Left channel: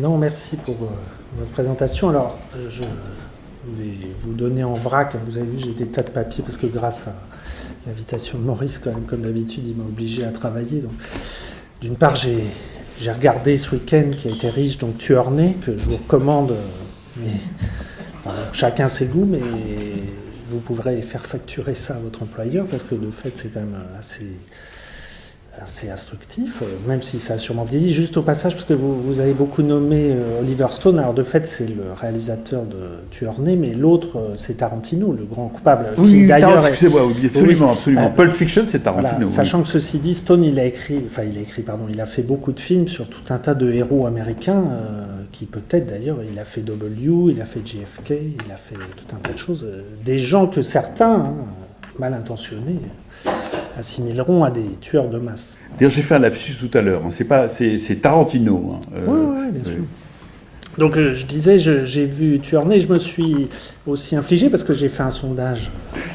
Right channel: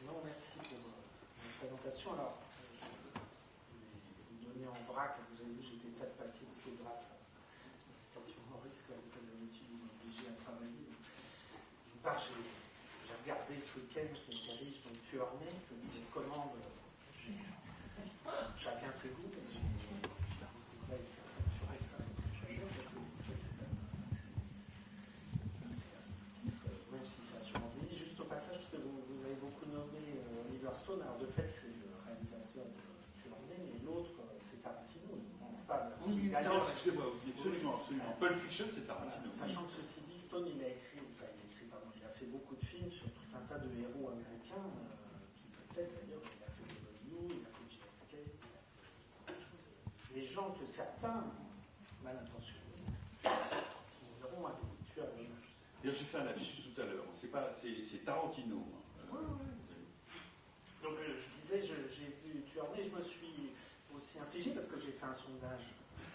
Non, merci pour votre présentation. Alors, je vais vous donner en vrac. Vous avez vu, j'ai des tas de papiers parce que grâce à l'invitation de Maurice, quand même, comme d'habitude, il m'a obligé à travailler. Donc, d'une part, j'ai regardé ce week-end qui a été riche, donc Tueur Né, que je vous recommande. Mais, enfin, chacun ses goûts, mais vous pourrez faire facturer ça à votre employeur parce que de fait, c'est quand même assez instructif, même si ça a sûrement vieilli. Juste au passage, parce que vous avez beaucoup nommé Oliver Stone, alors de fait c'est le réalisateur de Tueur Né, mais l'autre c'est Tarantino, le grand coupable. Oui, qui d'ailleurs excusez-moi, oui, absolument, oui, absolument. Pulp Fiction, c'est Tarantino. Voilà, sachant que ceci dit, Stone il a fait beaucoup de films sur tout un tas de héros américains, qui peut-être d'ailleurs, il a fait W, il a fait JFK, il a fait tout un tas de choses, des gens que certains, mal intentionnés, assimileront à des tueurs de masse. D'ailleurs, j'ai fait un lapsus tout à l'heure. C'est Tarantino. Oui, bien sûr. Donc je disais, j'ai vu Tueur Né, je me suis aussi infligé parce que j'ai fait un sondage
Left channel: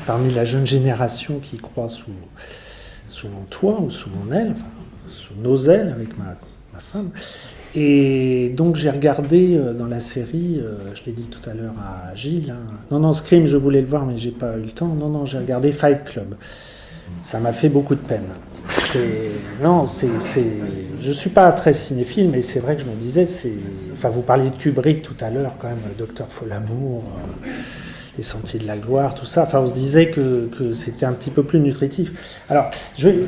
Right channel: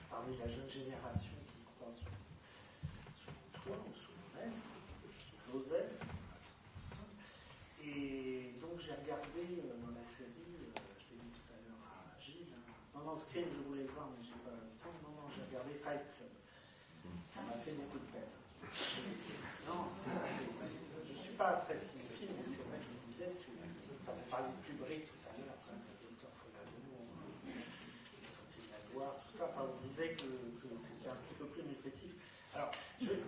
parmi la jeune génération qui croit sous mon toit ou sous mon aile, enfin, sous nos ailes avec ma femme. Et donc j'ai regardé dans la série, je l'ai dit tout à l'heure à Gilles, non, Scream, je voulais le voir mais j'ai pas eu le temps. Non, j'ai regardé Fight Club. Ça m'a fait beaucoup de peine. Je suis pas très cinéphile, mais c'est vrai que je me disais, enfin, vous parliez de Kubrick tout à l'heure, quand même, Docteur Folamour, Les Sentiers de la Gloire, tout ça. Enfin, on se disait que c'était un petit peu plus nutritif. Alors,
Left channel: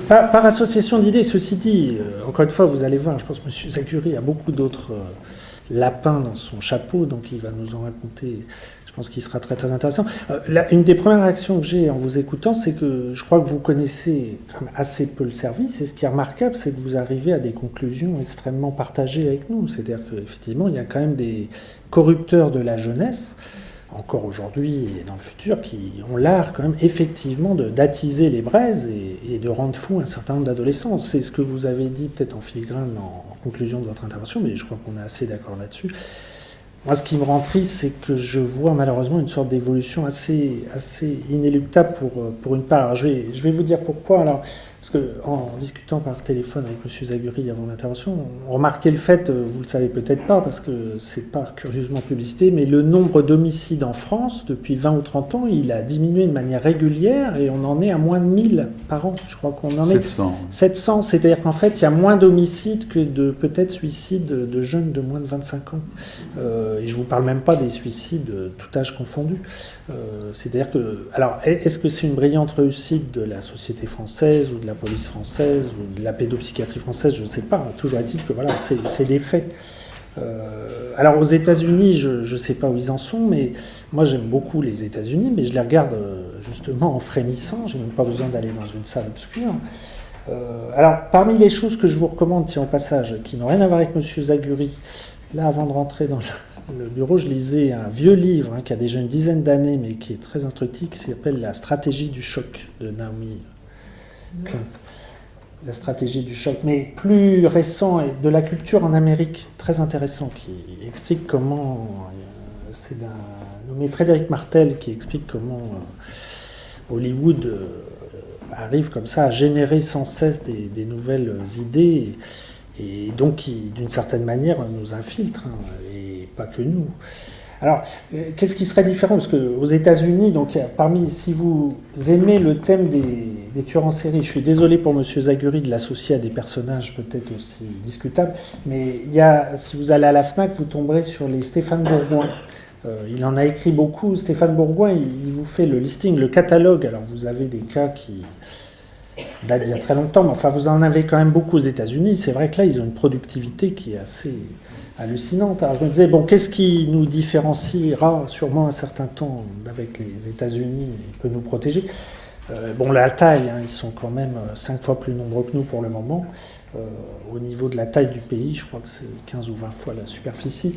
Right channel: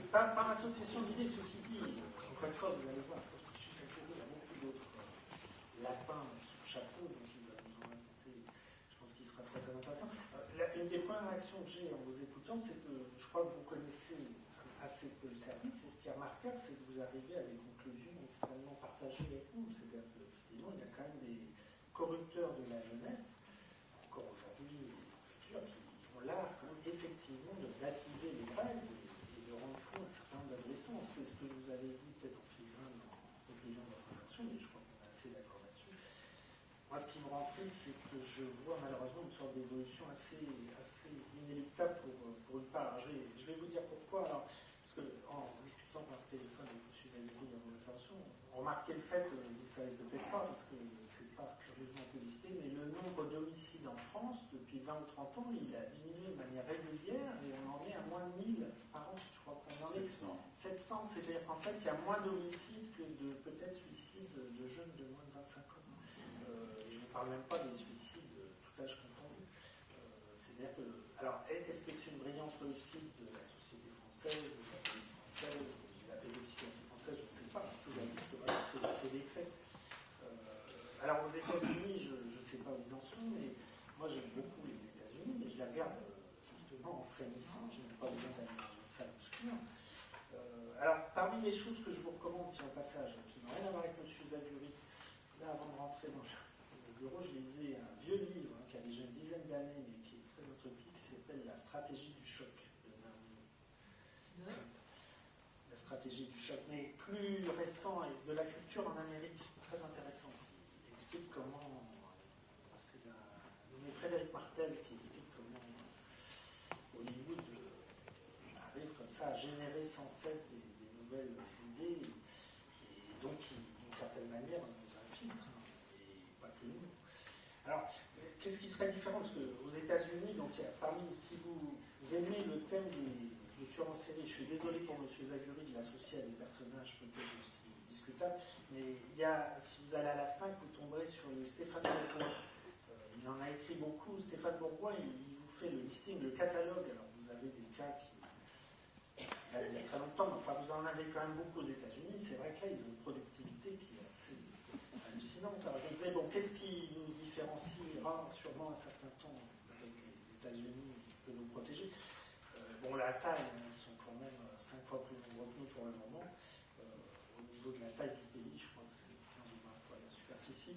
par association d'idées, ceci dit, encore une fois, vous allez voir, je pense que M. Zachary a beaucoup d'autres lapins dans son chapeau, donc il va nous en raconter. Je pense qu'il sera très très intéressant. Une des premières réactions que j'ai en vous écoutant, c'est que je crois que vous connaissez assez peu le service, et ce qui est remarquable, c'est que vous arrivez à des conclusions extrêmement partagées avec nous. C'est-à-dire qu'effectivement, il y a quand même des corrupteurs de la jeunesse, encore aujourd'hui et dans le futur, qui ont l'art quand même effectivement d'attiser les braises et de rendre fou un certain nombre d'adolescents. C'est ce que vous avez dit peut-être en filigrane en conclusion de votre intervention, mais je crois qu'on est assez d'accord là-dessus. Moi, ce qui me rend triste, c'est que je vois malheureusement une sorte d'évolution assez inéluctable pour une part. Alors, je vais vous dire pourquoi. Alors, parce qu'en discutant par téléphone avec M. Zaguri avant l'intervention, on remarquait le fait, vous le savez peut-être pas, parce que c'est pas curieusement publicité, mais le nombre d'homicides en France, depuis 20 ou 30 ans, il a diminué de manière régulière et on en est à moins de 1000 par an. Je crois qu'on en est 700. C'est-à-dire qu'en fait, il y a moins d'homicides que de peut-être suicides de jeunes de moins de 25 ans. Et je ne vous parle même pas des suicides tout âge confondu. C'est-à-dire que... Alors, est-ce que c'est une brillante réussite de la société française ou de la police française ou de la pédopsychiatrie française? Je ne sais pas. Toujours est-il que voilà, c'est des faits. Alors aux États-Unis, je ne sais pas où ils en sont, mais moi j'aime beaucoup les États-Unis, mais je les regarde justement en frémissant. J'ai même pas besoin d'aller dans une salle obscure. Alors parmi les choses que je vous recommande, tiens au passage, qui n'ont rien à voir avec M. Zaguri, là avant de rentrer dans le bureau, je lisais un vieux livre qui a déjà une dizaine d'années, mais qui est très instructif, qui s'appelle La stratégie du choc de Naomi Klein. La stratégie du choc, mais plus récent, et de la culture en Amérique, très intéressant, qui explique comment, c'est d'un nommé Frédéric Martel, qui explique comment Hollywood arrive comme ça à générer sans cesse des nouvelles idées, et donc qui, d'une certaine manière, nous infiltre, et pas que nous. Alors, qu'est-ce qui serait différent? Parce qu'aux États-Unis, donc, si vous aimez le thème des tueurs en série, je suis désolé pour M. Zaguri de l'associer à des personnages peut-être aussi discutables, mais si vous allez à la FNAC, vous tomberez sur les Stéphane Bourgoin. Il en a écrit beaucoup. Stéphane Bourgoin, il vous fait le listing, le catalogue. Alors, vous avez des cas qui datent d'il y a très longtemps, mais enfin, vous en avez quand même beaucoup aux États-Unis. C'est vrai que là, ils ont une productivité qui est assez hallucinante. Alors je me disais, bon, qu'est-ce qui nous différenciera sûrement un certain temps avec les États-Unis et peut nous protéger? Bon, la taille, ils sont quand même 5 fois plus nombreux que nous pour le moment. Au niveau de la taille du pays, je crois que c'est 15 ou 20 fois la superficie.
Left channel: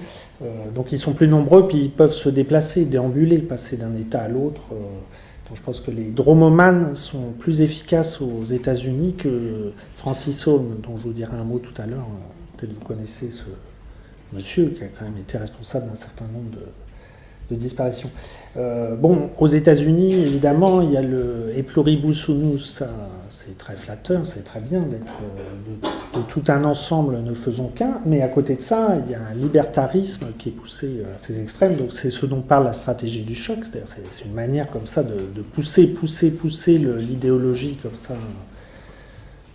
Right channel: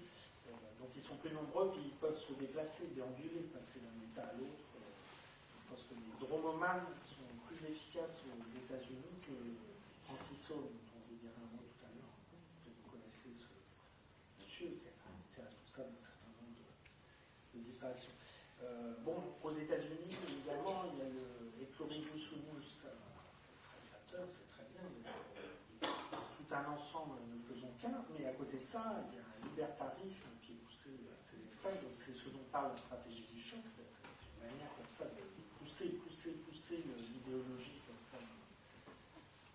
Donc ils sont plus nombreux, puis ils peuvent se déplacer, déambuler, passer d'un État à l'autre. Donc je pense que les dromomanes sont plus efficaces aux États-Unis que Francis Holm, dont je vous dirai un mot tout à l'heure. Peut-être vous connaissez ce monsieur qui a quand même été responsable d'un certain nombre de disparition. Bon, aux États-Unis, évidemment, il y a le E pluribus unus, ça, c'est très flatteur, c'est très bien d'être de tout un ensemble, ne faisons qu'un, mais à côté de ça, il y a un libertarisme qui est poussé à ses extrêmes, donc c'est ce dont parle la stratégie du choc, c'est-à-dire c'est une manière comme ça de pousser l'idéologie comme ça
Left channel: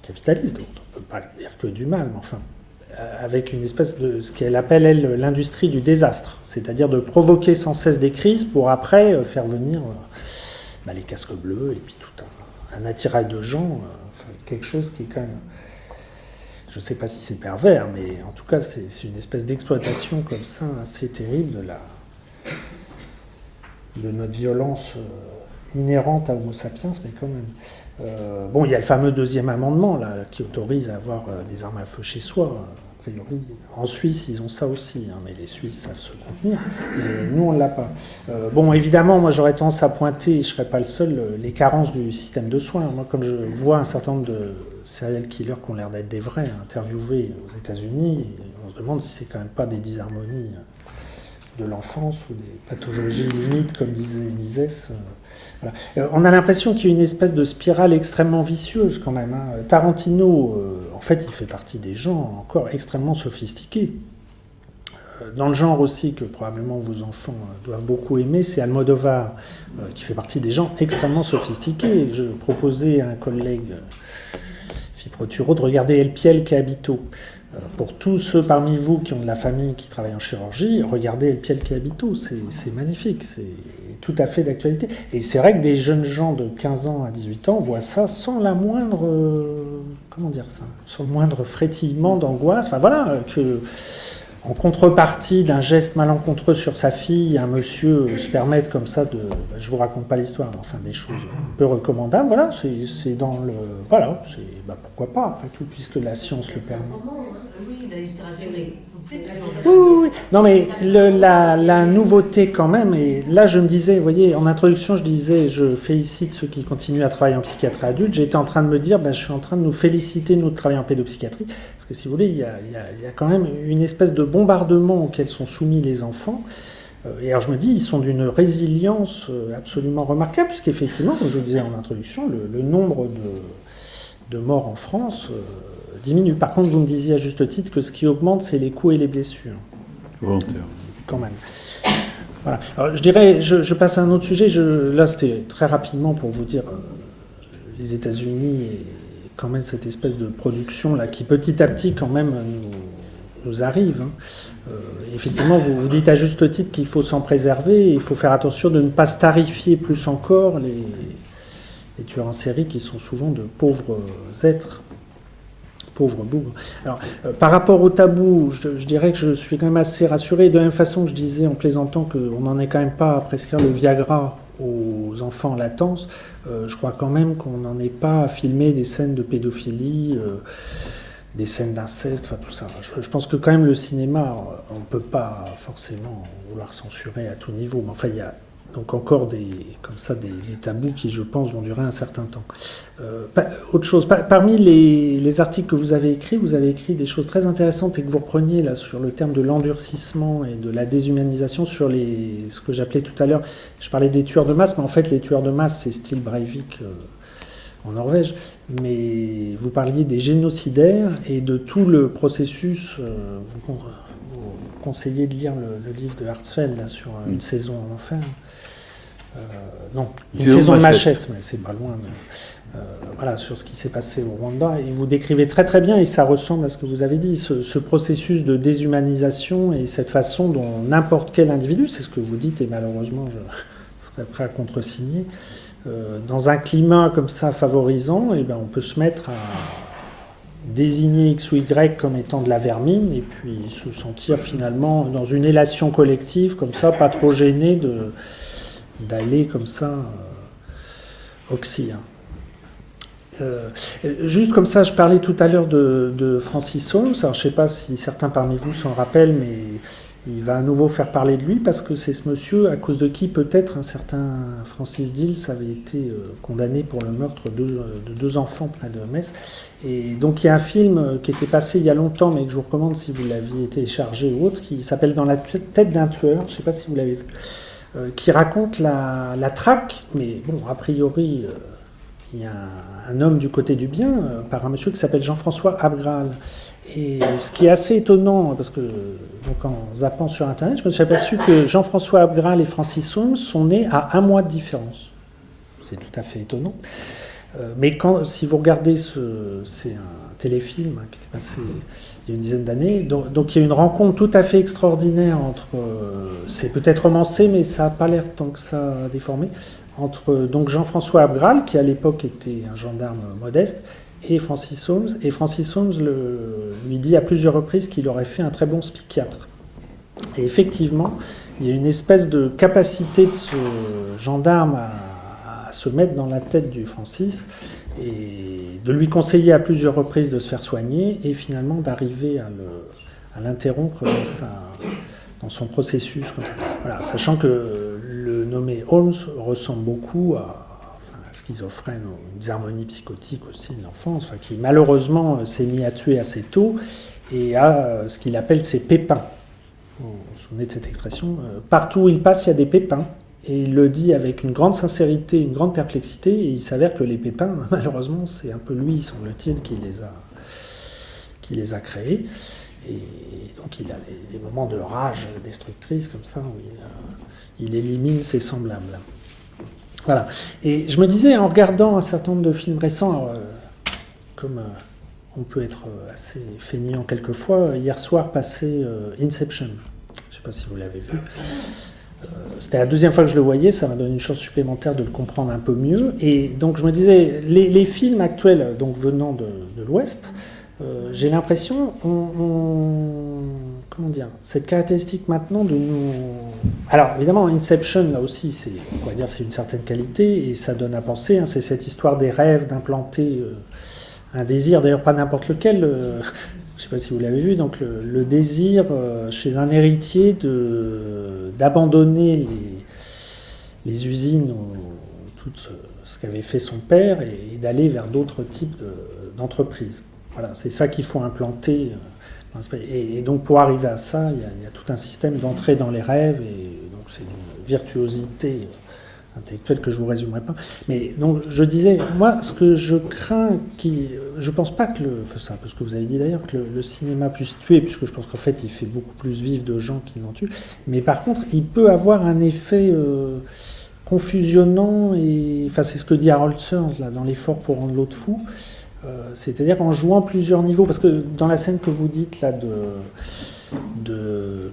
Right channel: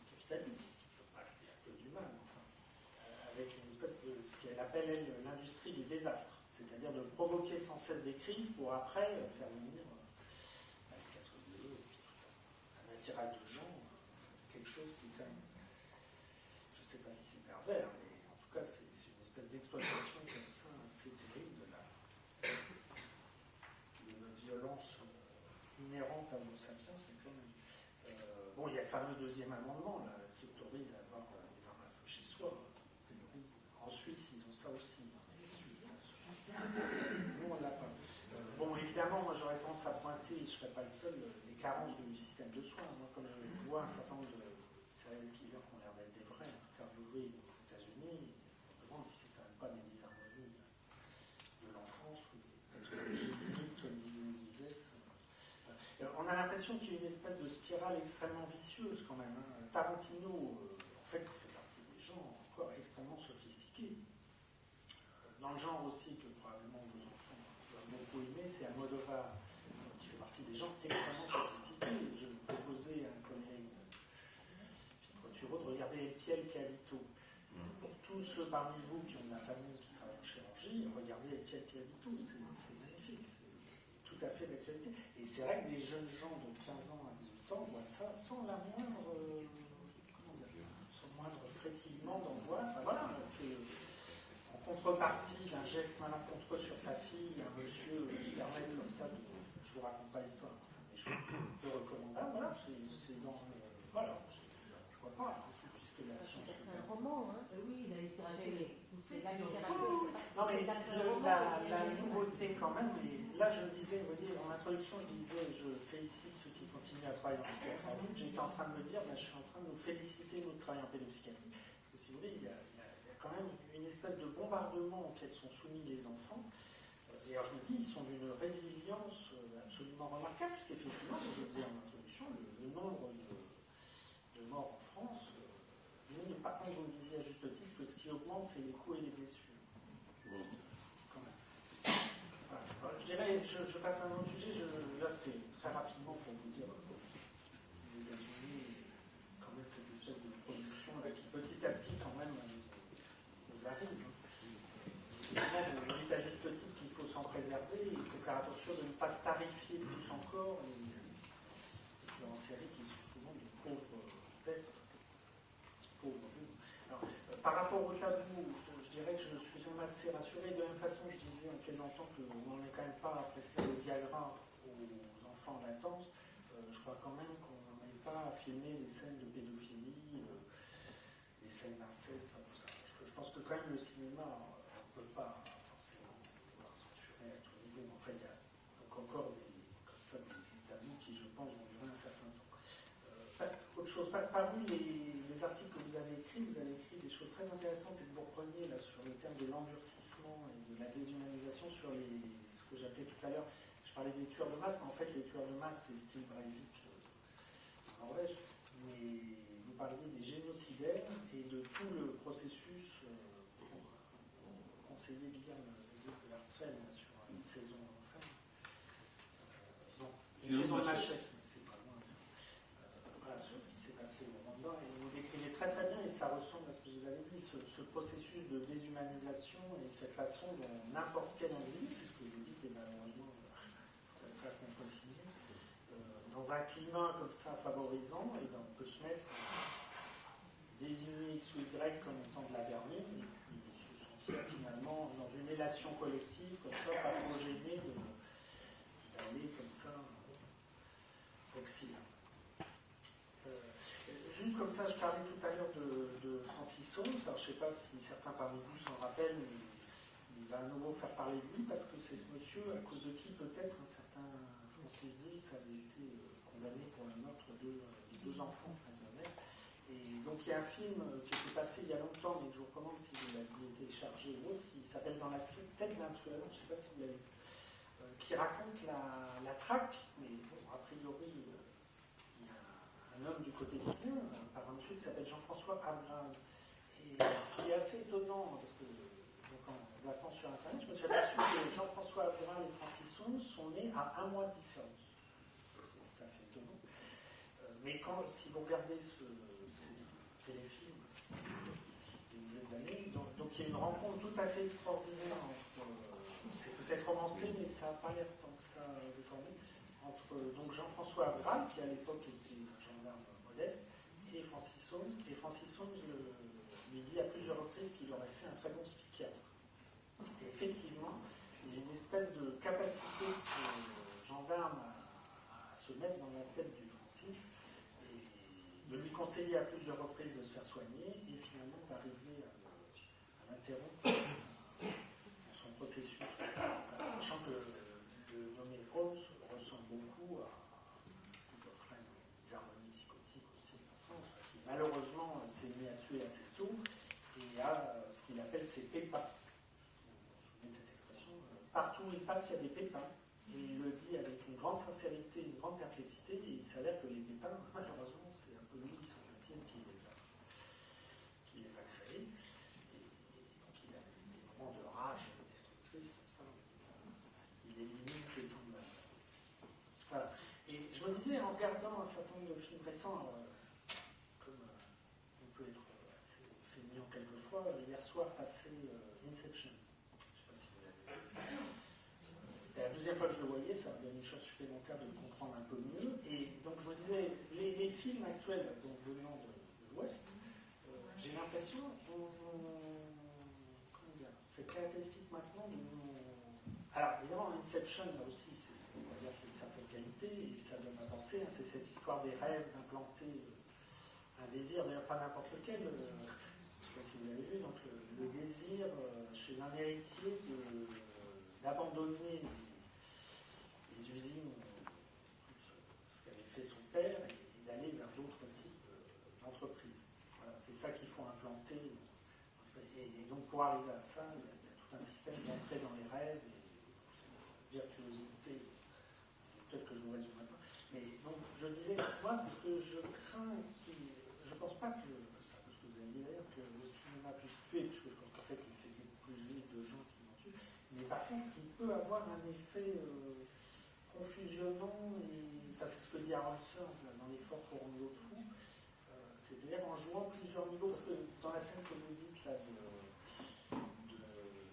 capitaliste, donc on ne peut pas dire que du mal, mais enfin, avec une espèce de ce qu'elle appelle, elle, l'industrie du désastre, c'est-à-dire de provoquer sans cesse des crises pour après faire venir les casques bleus et puis tout un attirail de gens, quelque chose qui est quand même, je ne sais pas si c'est pervers, mais en tout cas c'est une espèce d'exploitation comme ça assez terrible de notre violence inhérente à Homo sapiens, mais quand même. Bon, il y a le fameux deuxième amendement là, qui autorise à avoir des armes à feu chez soi. A priori, en Suisse, ils ont ça aussi, hein, mais les Suisses savent se contenir. Mais nous, on ne l'a pas. Bon, évidemment, moi, j'aurais tendance à pointer, je ne serais pas le seul, les carences du système de soins. Moi, comme je vois un certain nombre de serial killers qui ont l'air d'être des vrais, interviewés aux États-Unis, on se demande si c'est quand même pas des disharmonies de l'enfance ou des pathologies limites, comme disait Mises. Voilà. On a l'impression qu'il y a une espèce de spirale extrêmement vicieuse quand même. Hein. Tarantino, en fait, il fait partie des gens encore extrêmement sophistiqués. Dans le genre aussi que probablement vos enfants doivent beaucoup aimer, c'est Almodovar, qui fait partie des gens extrêmement sophistiqués. Je proposais à un collègue, Philippe Turo, de regarder El Piel che Habito. Pour tous ceux parmi vous qui ont de la famille qui travaille en chirurgie, regardez El Piel che Habito, c'est magnifique, c'est tout à fait d'actualité. Et c'est vrai que des jeunes gens de 15 ans à 18 ans voient ça sans la moindre, comment dire ça, sans le moindre frétillement d'angoisse. Enfin voilà, que en contrepartie d'un geste malencontreux sur sa fille, un monsieur se permette comme ça de, je vous raconte pas l'histoire, mais enfin des choses peu recommandables. Voilà, c'est dans le, voilà, c'est pourquoi pas après tout puisque la science le permet. Oui, la littérature est complète. Oui. Non mais la nouveauté quand même, et là je me disais, vous voyez, en introduction je disais, je félicite ceux qui continuent à travailler en psychiatrie adulte, j'étais en train de me dire, je suis en train de nous féliciter, nous, de travailler en pédopsychiatrie, parce que si vous voulez, il y a quand même une espèce de bombardement auquel sont soumis les enfants, et alors je me dis, ils sont d'une résilience absolument remarquable, puisqu'effectivement, comme je le disais en introduction, le nombre de morts en France diminue. Par contre, vous me disiez à juste titre que ce qui augmente, c'est les coups et les blessures. Volontaire. Quand même. Voilà. Alors, je dirais, je passe à un autre sujet. Là, c'était très rapidement pour vous dire, les États-Unis et quand même cette espèce de production là qui petit à petit quand même nous arrive. Hein. Effectivement, vous dites à juste titre qu'il faut s'en préserver. Et il faut faire attention de ne pas starifier plus encore les tueurs en série qui sont souvent de pauvres êtres. Pauvre bougre. Alors, par rapport au tabou, je dirais que je suis quand même assez rassuré. De la même façon que je disais en plaisantant qu'on n'en est quand même pas à prescrire le Viagra aux enfants en latence, je crois quand même qu'on n'en est pas à filmer des scènes de pédophilie, des scènes d'inceste, enfin tout ça. Je pense que quand même le cinéma, on ne peut pas forcément vouloir censurer à tout niveau, mais enfin il y a donc encore des tabous qui, je pense, vont durer un certain temps. Autre chose, parmi les articles que vous avez écrits des choses très intéressantes et que vous repreniez là sur le terme de l'endurcissement et de la déshumanisation sur ce que j'appelais tout à l'heure, je parlais des tueurs de masse, mais en fait les tueurs de masse c'est style Breivik en Norvège, mais vous parliez des génocidaires et de tout le processus, vous conseillez de lire le livre de Hartzfeld là, sur une saison en enfer. Non, une saison de machette, mais c'est pas loin. Voilà, sur ce qui s'est passé au Rwanda. Et vous décrivez très très bien, et ça ressemble à ce que vous avez dit, ce processus de déshumanisation et cette façon dont n'importe quel individu, c'est ce que vous dites, et malheureusement je serais prêt à contresigner, dans un climat comme ça favorisant, on peut se mettre à désigner X ou Y comme étant de la vermine, et puis se sentir finalement dans une élation collective, comme ça, pas trop gêné d'aller comme ça oxy. Juste comme ça, je parlais tout à l'heure de Francis Holmes. Alors, je ne sais pas si certains parmi vous s'en rappellent, mais il va à nouveau faire parler de lui parce que c'est ce monsieur à cause de qui peut-être un certain Francis Dills avait été condamné pour le meurtre de deux enfants près de Metz. Et donc il y a un film qui était passé il y a longtemps, mais que je vous recommande si vous l'aviez téléchargé ou autre, qui s'appelle Dans la tête d'un tueur. Je ne sais pas si vous l'avez vu. qui raconte la traque, mais bon, a priori, il y a un homme du côté du bien, par un monsieur qui s'appelle Jean-François Abgral. Et ce qui est assez étonnant, parce que donc en zappant sur Internet, je me suis aperçu que Jean-François Abgral et Francis Holmes sont nés à 1 mois de différence. C'est tout à fait étonnant. Mais si vous regardez, c'est un téléfilm qui était passé il y a une dizaine d'années, donc il y a une rencontre tout à fait extraordinaire entre, c'est peut-être romancé, mais ça n'a pas l'air tant que ça déformé, entre donc Jean-François Abgral, qui à l'époque était un gendarme modeste, et Francis Holmes. Et Francis Holmes lui dit à plusieurs reprises qu'il aurait fait un très bon psychiatre. Et effectivement, il y a une espèce de capacité de ce gendarme à se mettre dans la tête du Francis et de lui conseiller à plusieurs reprises de se faire soigner et finalement d'arriver à l'interrompre dans son processus. Comme ça. Voilà, sachant que le nommé Holmes ressemble beaucoup à schizophrène ou une dysharmonie psychotique aussi de l'enfance, qui malheureusement s'est mis à tuer assez tôt et a ce qu'il appelle ses pépins. Vous vous souvenez de cette expression ? Partout où il passe, il y a des pépins. Et il le dit avec une grande sincérité, une grande perplexité, et il s'avère que les pépins, malheureusement, c'est un peu lui, semble-t-il, qui les a créés. Et donc il a des moments de rage destructrice comme ça, où il élimine ses semblables. Voilà. Et je me disais, en regardant un certain nombre de films récents, alors, comme on peut être assez feignant quelquefois, hier soir passait Inception. Je ne sais pas si vous l'avez vu. C'était la deuxième fois que je le voyais, ça m'a donné une chance supplémentaire de le comprendre un peu mieux. Et donc je me disais, les films actuels, donc venant de l'Ouest, j'ai l'impression, comment dire, cette caractéristique maintenant de nous... Alors évidemment, Inception, là aussi, c'est une certaine qualité, et ça donne à penser, c'est cette histoire des rêves, d'implanter un désir, d'ailleurs pas n'importe lequel, je ne sais pas si vous l'avez vu, donc le désir chez un héritier d'abandonner les usines ou tout ce qu'avait fait son père et d'aller vers d'autres types d'entreprises. Voilà, c'est ça qu'il faut implanter. Et donc pour arriver à ça, il y a tout un système d'entrée dans les rêves, et donc c'est une virtuosité intellectuelle que je ne vous résumerai pas. Mais donc je disais, moi ce que je crains, je ne pense pas que c'est un peu ce que vous avez dit d'ailleurs, que le cinéma puisse tuer, puisque je pense qu'en fait il fait beaucoup plus vivre de gens qui n'en tuent, mais par contre il peut avoir un effet confusionnant, c'est ce que dit Harold Searles là, dans l'effort pour rendre l'autre fou, c'est-à-dire en jouant plusieurs niveaux, parce que dans la scène que vous dites là de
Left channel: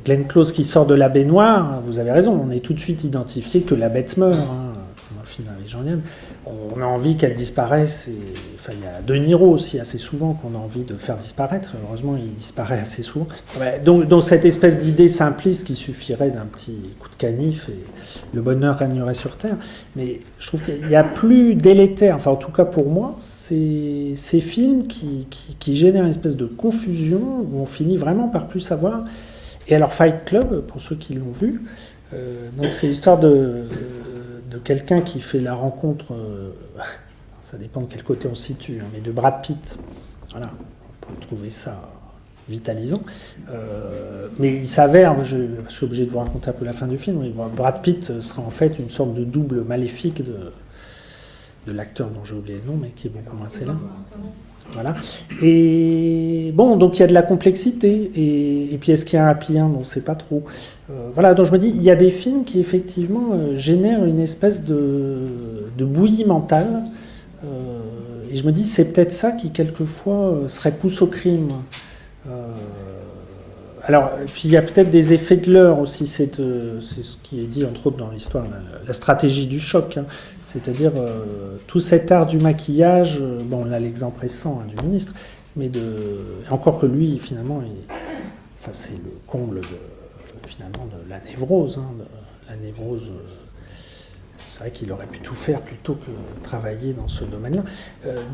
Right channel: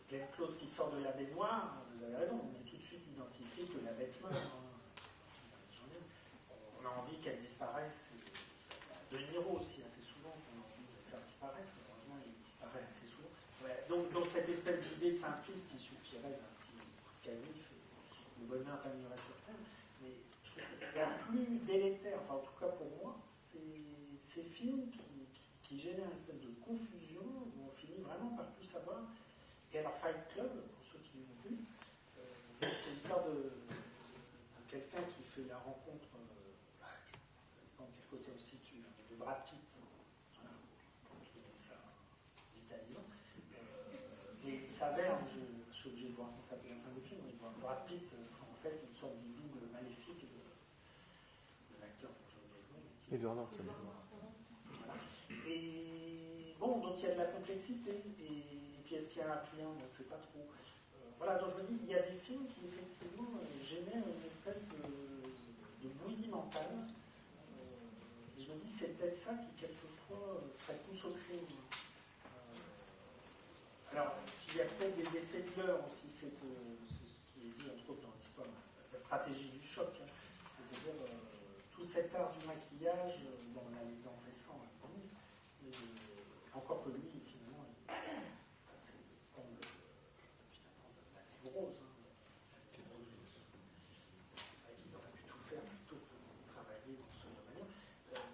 Glenn Close qui sort de la baignoire, vous avez raison, on est tout de suite identifié que la bête meurt, dans le film avec Jean Yann. On a envie qu'elle disparaisse, il y a De Niro aussi assez souvent qu'on a envie de faire disparaître, heureusement il disparaît assez souvent. Donc cette espèce d'idée simpliste qui suffirait d'un petit coup de canif et le bonheur régnerait sur Terre, mais je trouve qu'il y a plus délétère, en tout cas pour moi, ces films qui génèrent une espèce de confusion où on finit vraiment par plus savoir. Et alors Fight Club, pour ceux qui l'ont vu, donc c'est l'histoire de quelqu'un qui fait la rencontre, ça dépend de quel côté on se situe, mais de Brad Pitt. Voilà, on peut trouver ça vitalisant. Mais il s'avère, je suis obligé de vous raconter un peu la fin du film, mais Brad Pitt sera en fait une sorte de double maléfique de l'acteur dont j'ai oublié le nom, mais qui est beaucoup moins célèbre. Voilà. Et bon, donc il y a de la complexité, et puis est-ce qu'il y a un happy end, on ne sait pas trop. Voilà, donc je me dis, il y a des films qui effectivement génèrent une espèce de bouillie mentale, et je me dis, c'est peut-être ça qui quelquefois serait pousse au crime. Alors, puis il y a peut-être des effets de leurre aussi, c'est ce qui est dit entre autres dans l'histoire, la stratégie du choc, c'est-à-dire tout cet art du maquillage, on a l'exemple récent du ministre, mais encore que lui, finalement, c'est le comble finalement de la névrose. La névrose, c'est vrai qu'il aurait pu tout faire plutôt que travailler dans ce domaine-là.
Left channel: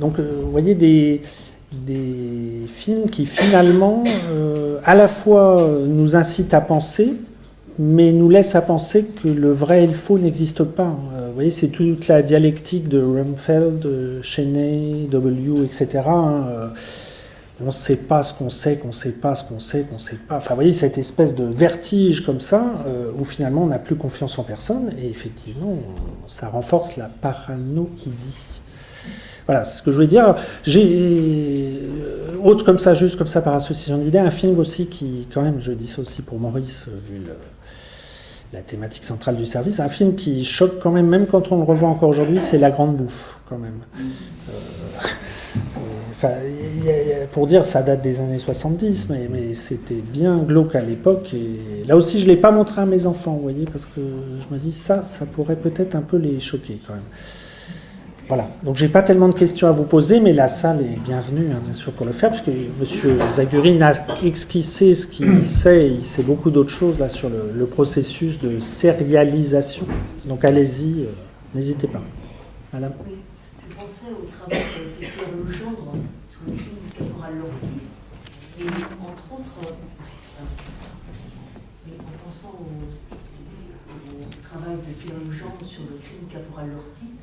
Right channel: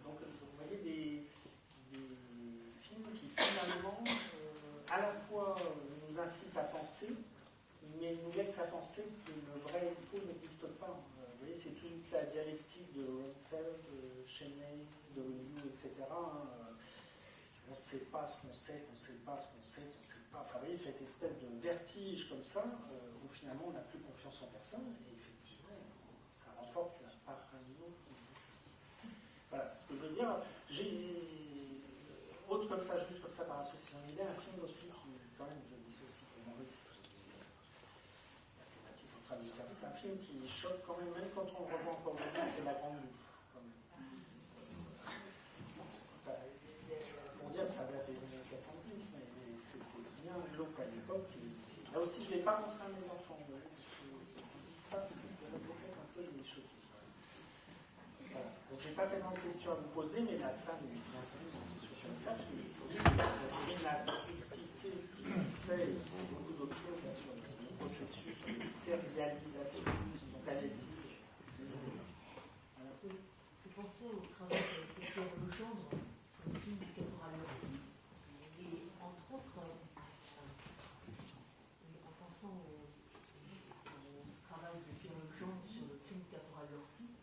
Donc, vous voyez des films qui finalement à la fois nous incitent à penser, mais nous laissent à penser que le vrai et le faux n'existent pas. Vous voyez, c'est toute la dialectique de Rumfeld, Cheney, W, etc. on ne sait pas ce qu'on sait, qu'on ne sait pas ce qu'on sait, qu'on ne sait pas. Enfin, vous voyez, cette espèce de vertige comme ça, où finalement on n'a plus confiance en personne, et effectivement, ça renforce la paranoïdie. Voilà, c'est ce que je voulais dire. J'ai, autre comme ça, juste comme ça par association d'idées, un film aussi qui, quand même, je dis ça aussi pour Maurice, vu la thématique centrale du service, un film qui choque quand même quand on le revoit encore aujourd'hui, c'est La Grande Bouffe, quand même. Enfin, pour dire, ça date des années 70, mais c'était bien glauque à l'époque. Et là aussi, je ne l'ai pas montré à mes enfants, vous voyez, parce que je me dis, ça pourrait peut-être un peu les choquer quand même. Voilà, donc j'ai pas tellement de questions à vous poser, mais la salle est bienvenue, hein, bien sûr, pour le faire, puisque M. Zaguri n'a esquissé ce qu'il sait, il sait beaucoup d'autres choses là sur le processus de sérialisation. Donc allez-y, n'hésitez pas. Madame. Oui, je pensais au travail qu'a fait Pierre Legendre sur le film du Caporal Lortie, et entre autres, mais en pensant au travail de Pierre Legendre sur le crime Caporal Lortie,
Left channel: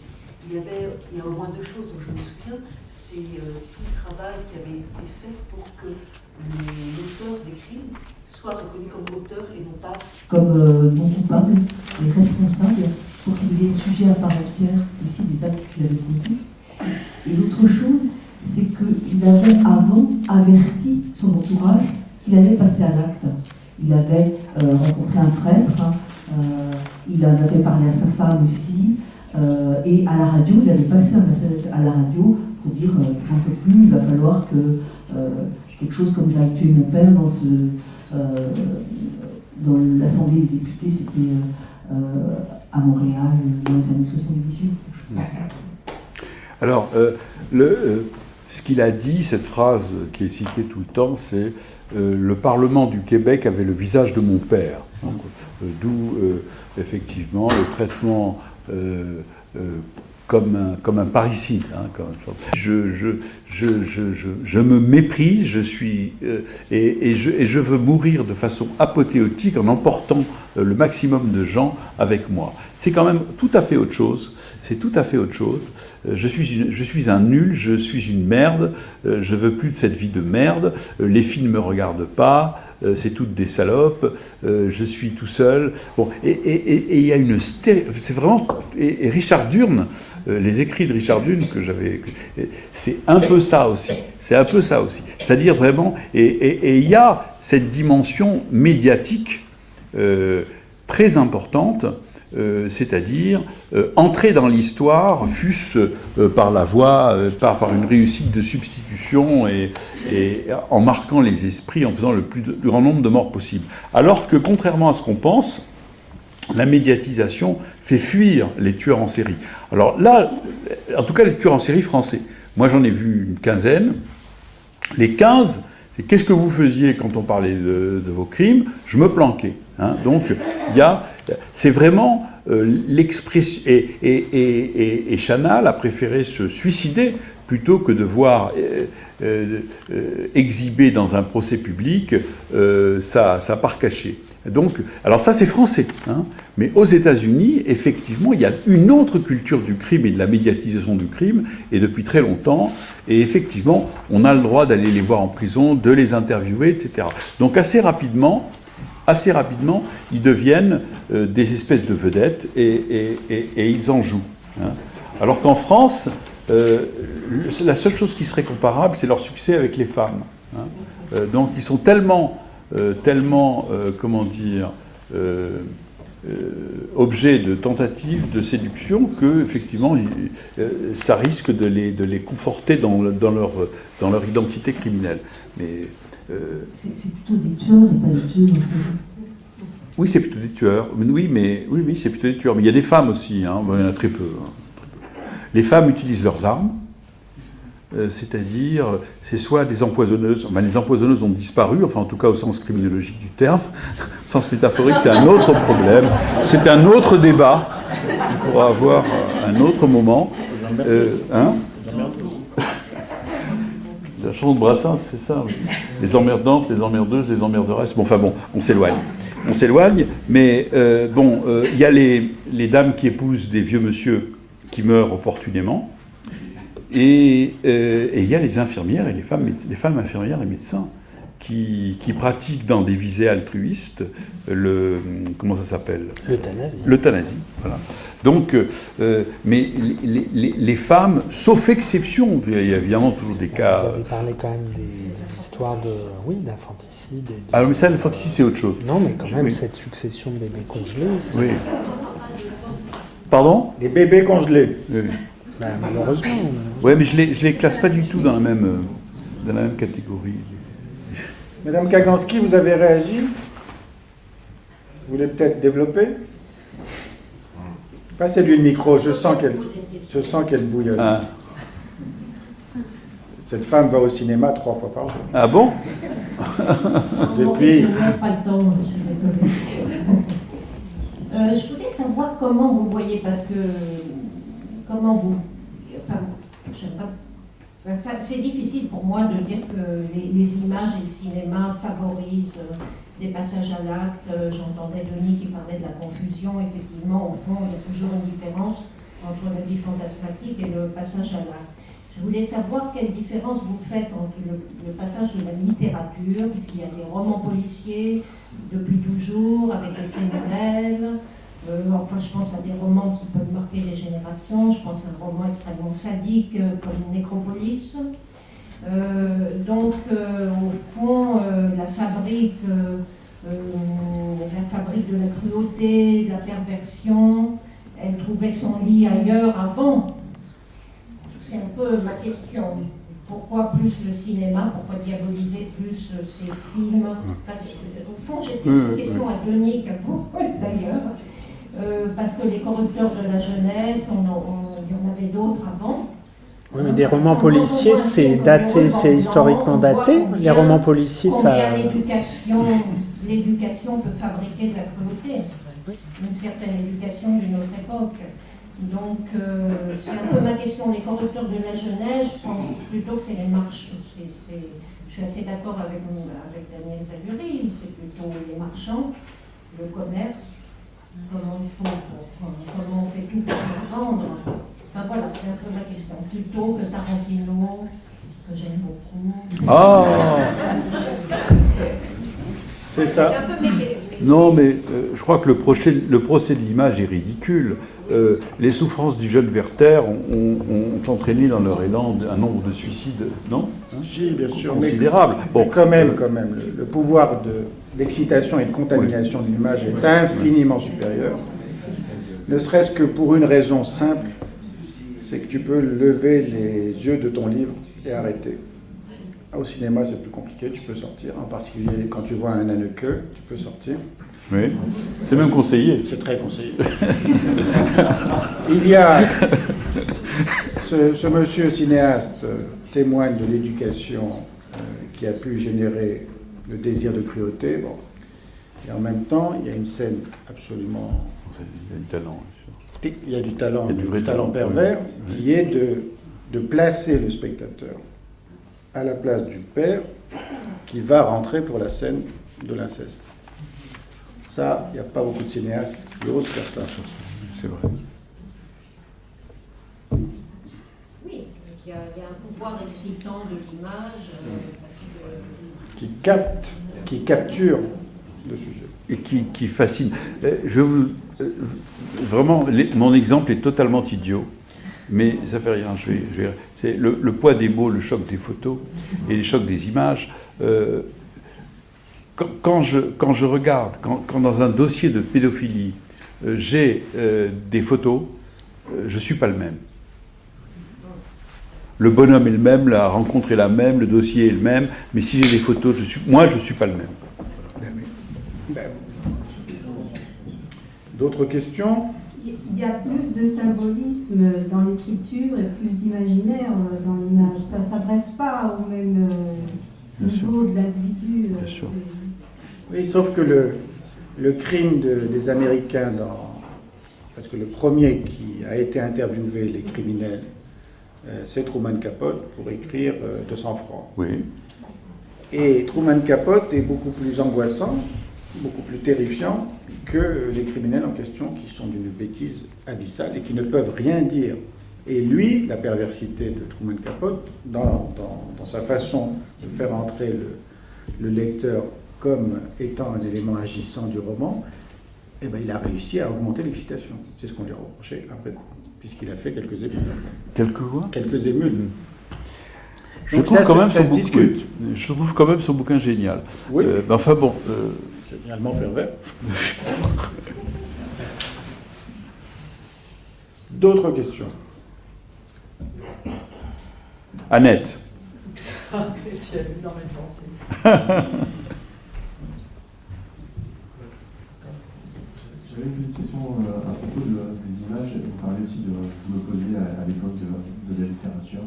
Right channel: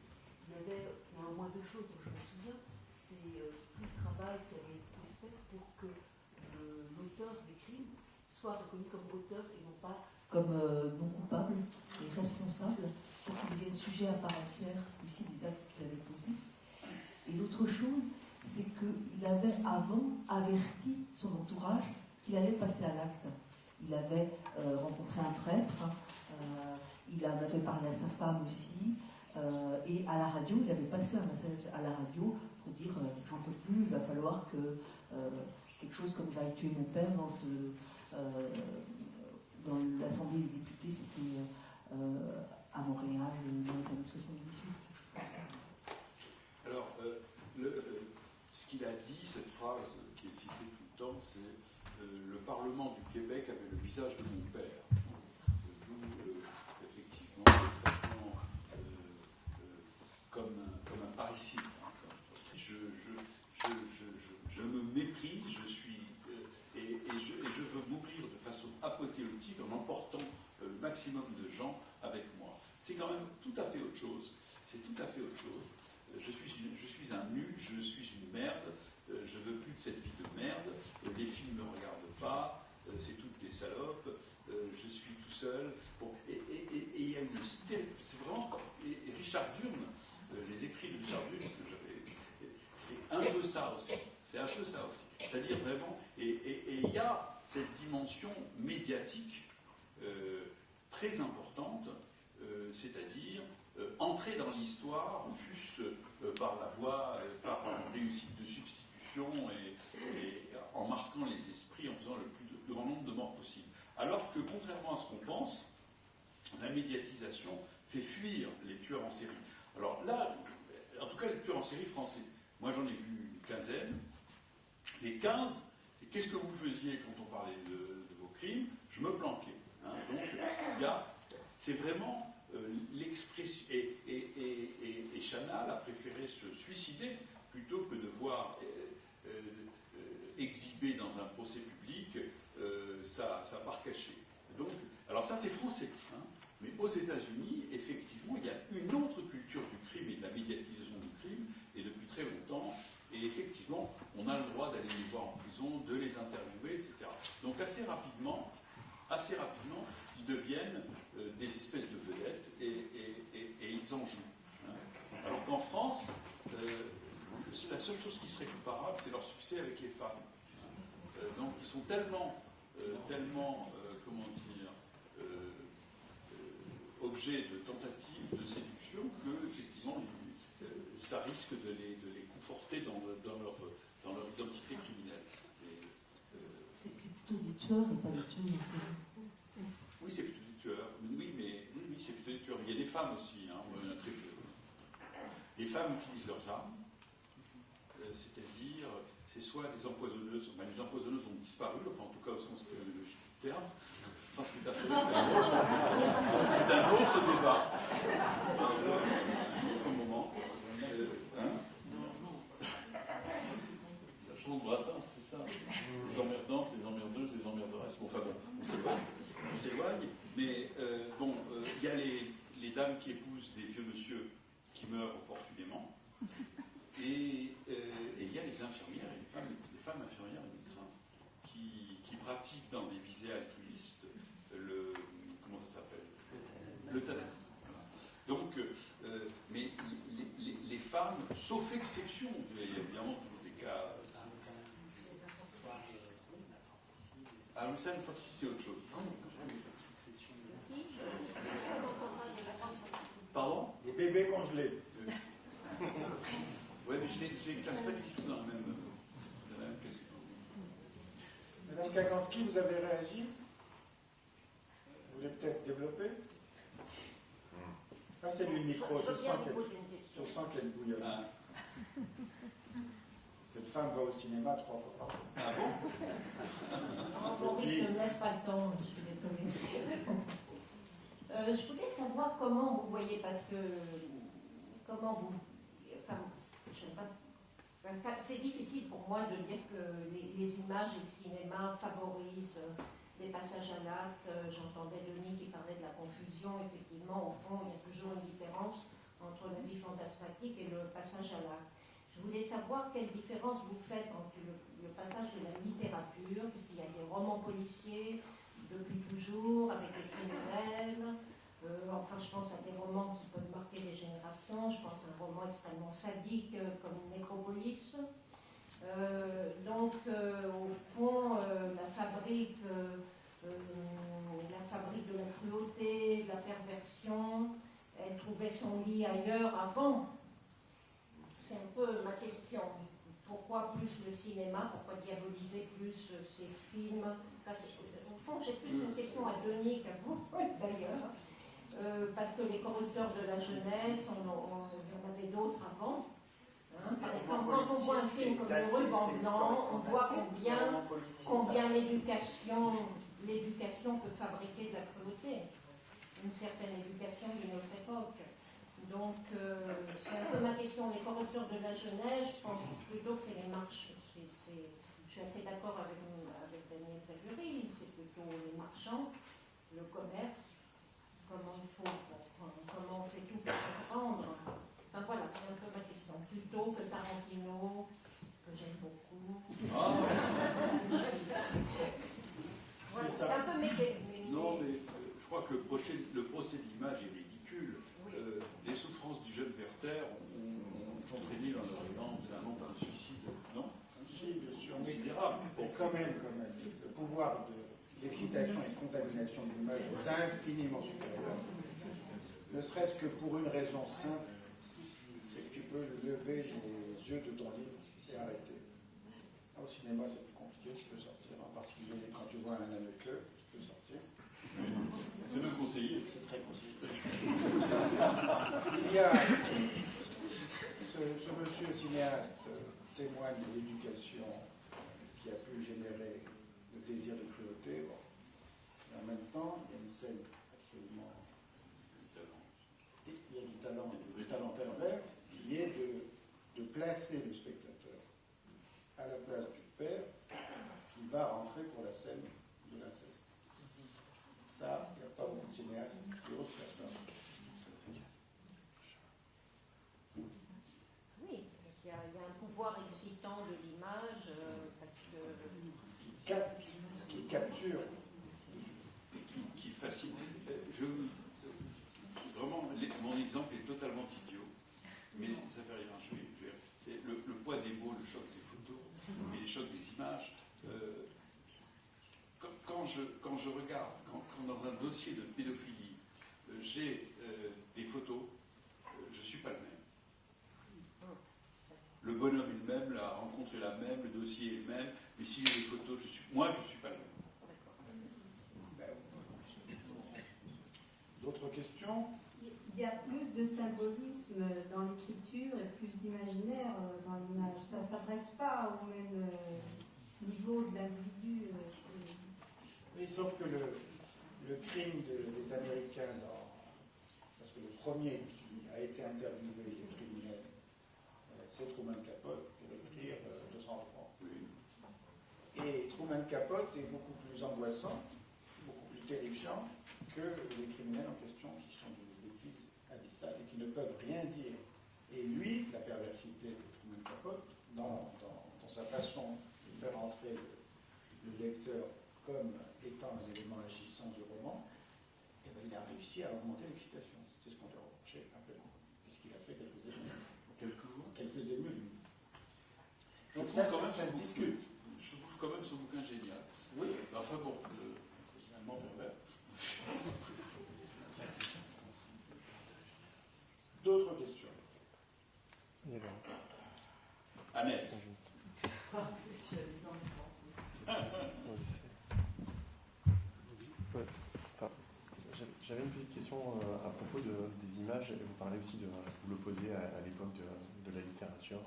il y a au moins deux choses dont je me souviens. C'est tout le travail qui avait été fait pour que l'auteur des crimes soit reconnu comme auteur et non pas comme non coupable et responsable, pour qu'il y ait sujet à part entière aussi des actes qu'il avait posés. Et l'autre chose, c'est qu'il avait avant averti son entourage qu'il allait passer à l'acte. Il avait rencontré un prêtre, il en avait parlé à sa femme aussi. Et à la radio, il avait passé un message à la radio pour dire j'en peux plus, il va falloir que quelque chose comme j'aille tuer mon père dans l'Assemblée des députés, c'était à Montréal dans les années 78, quelque chose comme ça. Alors, ce qu'il a dit, cette phrase qui est citée tout le temps, c'est le Parlement du Québec avait le visage de mon père. D'où effectivement le traitement comme un parricide. Hein, je me méprise, et je veux mourir de façon apothéotique en emportant le maximum de gens avec moi. C'est quand même tout à fait autre chose. C'est tout à fait autre chose. Je suis un nul, je suis une merde, je veux plus de cette vie de merde, les filles ne me regardent pas, c'est toutes des salopes, je suis tout seul. Bon, et il y a une c'est vraiment. Et Richard Durn, les écrits de Richard Durn que j'avais, c'est un peu ça aussi. C'est un peu ça aussi. C'est-à-dire vraiment, et il y a cette dimension médiatique très importante. C'est-à-dire entrer dans l'histoire, fût-ce par la voie, par une réussite de substitution et en marquant les esprits, en faisant le plus grand nombre de morts possible. Alors que, contrairement à ce qu'on pense, la médiatisation fait fuir les tueurs en série. Alors là, en tout cas les tueurs en série français. Moi j'en ai vu une quinzaine. Les 15, c'est qu'est-ce que vous faisiez quand on parlait de vos crimes? Je me planquais. Hein. Donc, c'est vraiment l'expression. Et Chanal a préféré se suicider plutôt que de voir exhiber dans un procès public sa part cachée. Donc, alors ça c'est français, hein, mais aux États-Unis, effectivement, il y a une autre culture du crime et de la médiatisation du crime, et depuis très longtemps, et effectivement, on a le droit d'aller les voir en prison, de les interviewer, etc. Donc assez rapidement, ils deviennent des espèces de vedettes et ils en jouent. Hein. Alors qu'en France, la seule chose qui serait comparable, c'est leur succès avec les femmes. Hein. Donc ils sont tellement comment dire, objet de tentatives de séduction que effectivement ça risque de les conforter dans leur identité criminelle. Mais c'est plutôt des tueurs et pas des tueuses en série. oui, c'est plutôt des tueurs. Oui, c'est plutôt des tueurs. Mais il y a des femmes aussi. Hein. Il y en a très peu. Les femmes utilisent leurs armes. C'est-à-dire, c'est soit des empoisonneuses, enfin, les empoisonneuses ont disparu, enfin en tout cas au sens criminologique du terme, au sens métaphorique c'est un autre problème, c'est un autre débat, qu'on pourra avoir un autre moment. La chanson de Brassens, c'est ça, oui. Les emmerdantes, les emmerdeuses, les emmerderesses, bon, on s'éloigne, mais il y a les dames qui épousent des vieux monsieur qui meurent opportunément. Et il y a les infirmières et les femmes infirmières et médecins qui pratiquent dans des visées altruistes comment ça s'appelle ? L'euthanasie. L'euthanasie, voilà. Donc, mais les femmes, sauf exception, il y a évidemment toujours des cas... Vous avez parlé quand même des histoires d'infanticide. Alors, mais ça, l'infanticide, c'est autre chose. Non, mais quand même, Oui. cette succession de bébés congelés, c'est... Oui. Pardon ? Les bébés congelés. Oui. Ben, malheureusement. Ouais, mais je les classe pas du tout dans la même catégorie. Madame Kaganski, vous avez réagi? Vous voulez peut-être développer? Passez-lui le micro, je sens qu'elle bouillonne. Ah, Cette femme va au cinéma 3 fois par jour. ah bon ? Depuis- Je ne laisse pas le temps, je suis désolée. Je voulais savoir comment vous voyez, parce que comment vous... Enfin, je sais pas. Enfin, c'est difficile pour moi de dire que les images et le cinéma favorisent des passages à l'acte. J'entendais Denis qui parlait de la confusion. Effectivement, au fond, il y a toujours une différence entre la vie fantasmatique et le passage à l'acte. Je voulais savoir quelle différence vous faites entre le passage de la littérature, puisqu'il y a des romans policiers depuis toujours, avec des criminels. Enfin, je pense à des romans qui peuvent marquer les générations. Je pense à un roman extrêmement sadique comme Nécropolis. Donc, au fond, la fabrique de la cruauté, de la perversion, elle trouvait son lit ailleurs avant. C'est un peu ma question. Pourquoi plus le cinéma? Pourquoi diaboliser plus ces films? Au fond, j'ai plus une question à Denis qu'à vous, d'ailleurs. Parce que les corrupteurs de la jeunesse, il y en avait d'autres avant. Oui, mais des romans policiers, c'est daté, c'est historiquement daté. Les romans policiers, ça... L'éducation peut fabriquer de la cruauté. Une certaine éducation d'une autre époque. Donc, c'est un peu ma question. Les corrupteurs de la jeunesse, je pense plutôt que c'est les marches. Je suis assez d'accord avec Daniel Zaguri. C'est plutôt les marchands, le commerce. Comment on fait tout pour les vendre. Enfin voilà, c'est un peu ma question. Plutôt que Tarantino, que j'aime beaucoup. Ah C'est ça. C'est un peu non, mais je crois que le procès de l'image est ridicule. Les souffrances du jeune Werther ont entraîné dans leur élan un nombre de suicides, non ? Si, bien sûr. Considérable. Mais quand même, le pouvoir d'excitation et de contamination de l'image est infiniment supérieur. Ne serait-ce que pour une raison simple, c'est que tu peux lever les yeux de ton livre et arrêter. Au cinéma, c'est plus compliqué, tu peux sortir. En particulier, quand tu vois un Haneke, tu peux sortir. Oui, c'est même conseillé. C'est très conseillé. Il y a... Ce monsieur cinéaste témoigne de l'éducation qui a pu générer le désir de cruauté. Bon. Et en même temps, il y a une scène absolument... Il y a du talent, bien sûr. Il y a du talent, Il y a du vrai talent talent, pervers, oui. qui est de placer le spectateur à la place du père qui va rentrer pour la scène de l'inceste. Ça, il n'y a pas beaucoup de cinéastes qui osent faire ça. C'est vrai. Oui, il y a un pouvoir excitant de l'image. Qui capture le sujet. Et qui fascine. Vraiment, mon exemple est totalement idiot, mais ça fait rien. C'est le poids des mots, le choc des photos et le choc des images. Quand je regarde, quand dans un dossier de pédophilie, j'ai des photos, je ne suis pas le même. Le bonhomme est le même, la rencontre est la même, le dossier est le même, mais si j'ai des photos, moi, je ne suis pas le même. D'autres questions? Il y a plus de symbolisme dans l'écriture et plus d'imaginaire dans l'image. Ça ne s'adresse pas au même niveau de l'individu. Bien sûr. Oui, sauf que le crime des Américains, parce que le premier qui a été interviewé, les criminels, c'est Truman Capote pour écrire de sang-froid. Oui. Et Truman Capote est beaucoup plus angoissant, beaucoup plus terrifiant que les criminels en question qui sont d'une bêtise abyssale et qui ne peuvent rien dire Et lui, la perversité de Truman Capote, dans sa façon de faire entrer le lecteur comme étant un élément agissant du roman, eh ben, il a réussi à augmenter l'excitation. C'est ce qu'on lui a reproché après coup, puisqu'il a fait quelques émules. Quelques émules. Je Donc trouve, ça, quand même ça son se discute. bouquin, je trouve quand même son bouquin génial. Oui. Enfin bon. Génialement pervers. D'autres questions? Annette. Tu as vu dans mes pensées. J'avais une petite question à propos des images. Vous parlez aussi de l'opposé à l'époque de la littérature.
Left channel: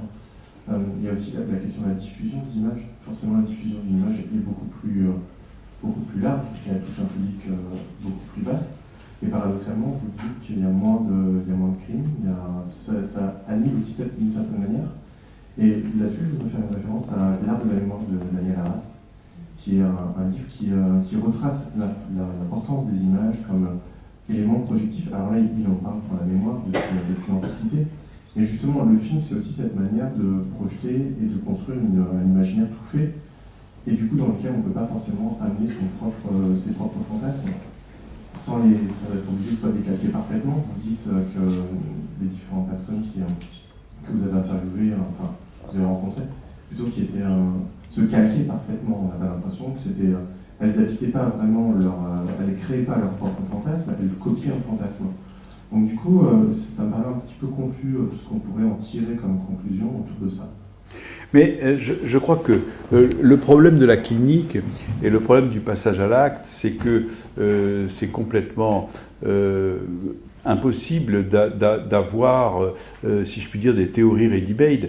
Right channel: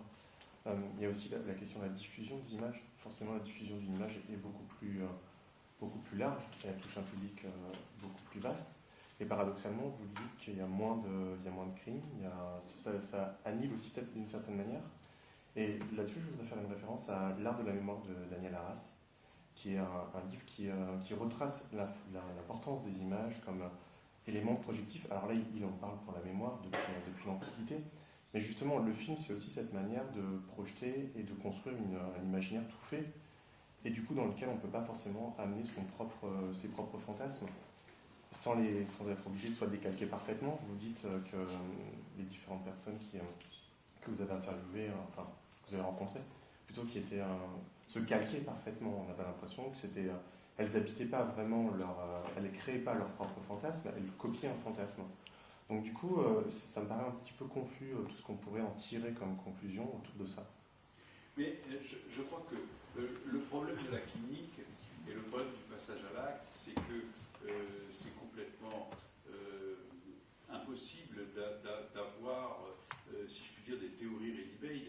Il y a aussi la question de la diffusion des images. Forcément, la diffusion d'une image est beaucoup plus large, elle touche un public beaucoup plus vaste. Et paradoxalement, vous dites qu'il y a moins de crimes, ça annule aussi peut-être d'une certaine manière. Et là-dessus, je voudrais faire une référence à L'art de la mémoire de Daniel Arras, qui est un livre qui retrace l'importance des images comme élément projectif. Alors là, il en parle pour la mémoire depuis l'Antiquité. Et justement, le film, c'est aussi cette manière de projeter et de construire un imaginaire tout fait, et du coup, dans lequel on ne peut pas forcément amener ses propres fantasmes, sans être obligé de les calquer parfaitement. Vous dites que les différentes personnes que vous avez interviewées, enfin, que vous avez rencontrées, plutôt qui étaient se calquer parfaitement. On avait l'impression que c'était... elles n'habitaient pas vraiment elles ne créaient pas leur propre fantasme, elles copiaient un fantasme. Donc du coup, ça me paraît un petit peu confus, tout ce qu'on pourrait en tirer comme conclusion autour de ça. Mais je crois que le problème de la clinique et le problème du passage à l'acte, c'est que c'est complètement impossible d'avoir, si je puis dire, des théories ready-made.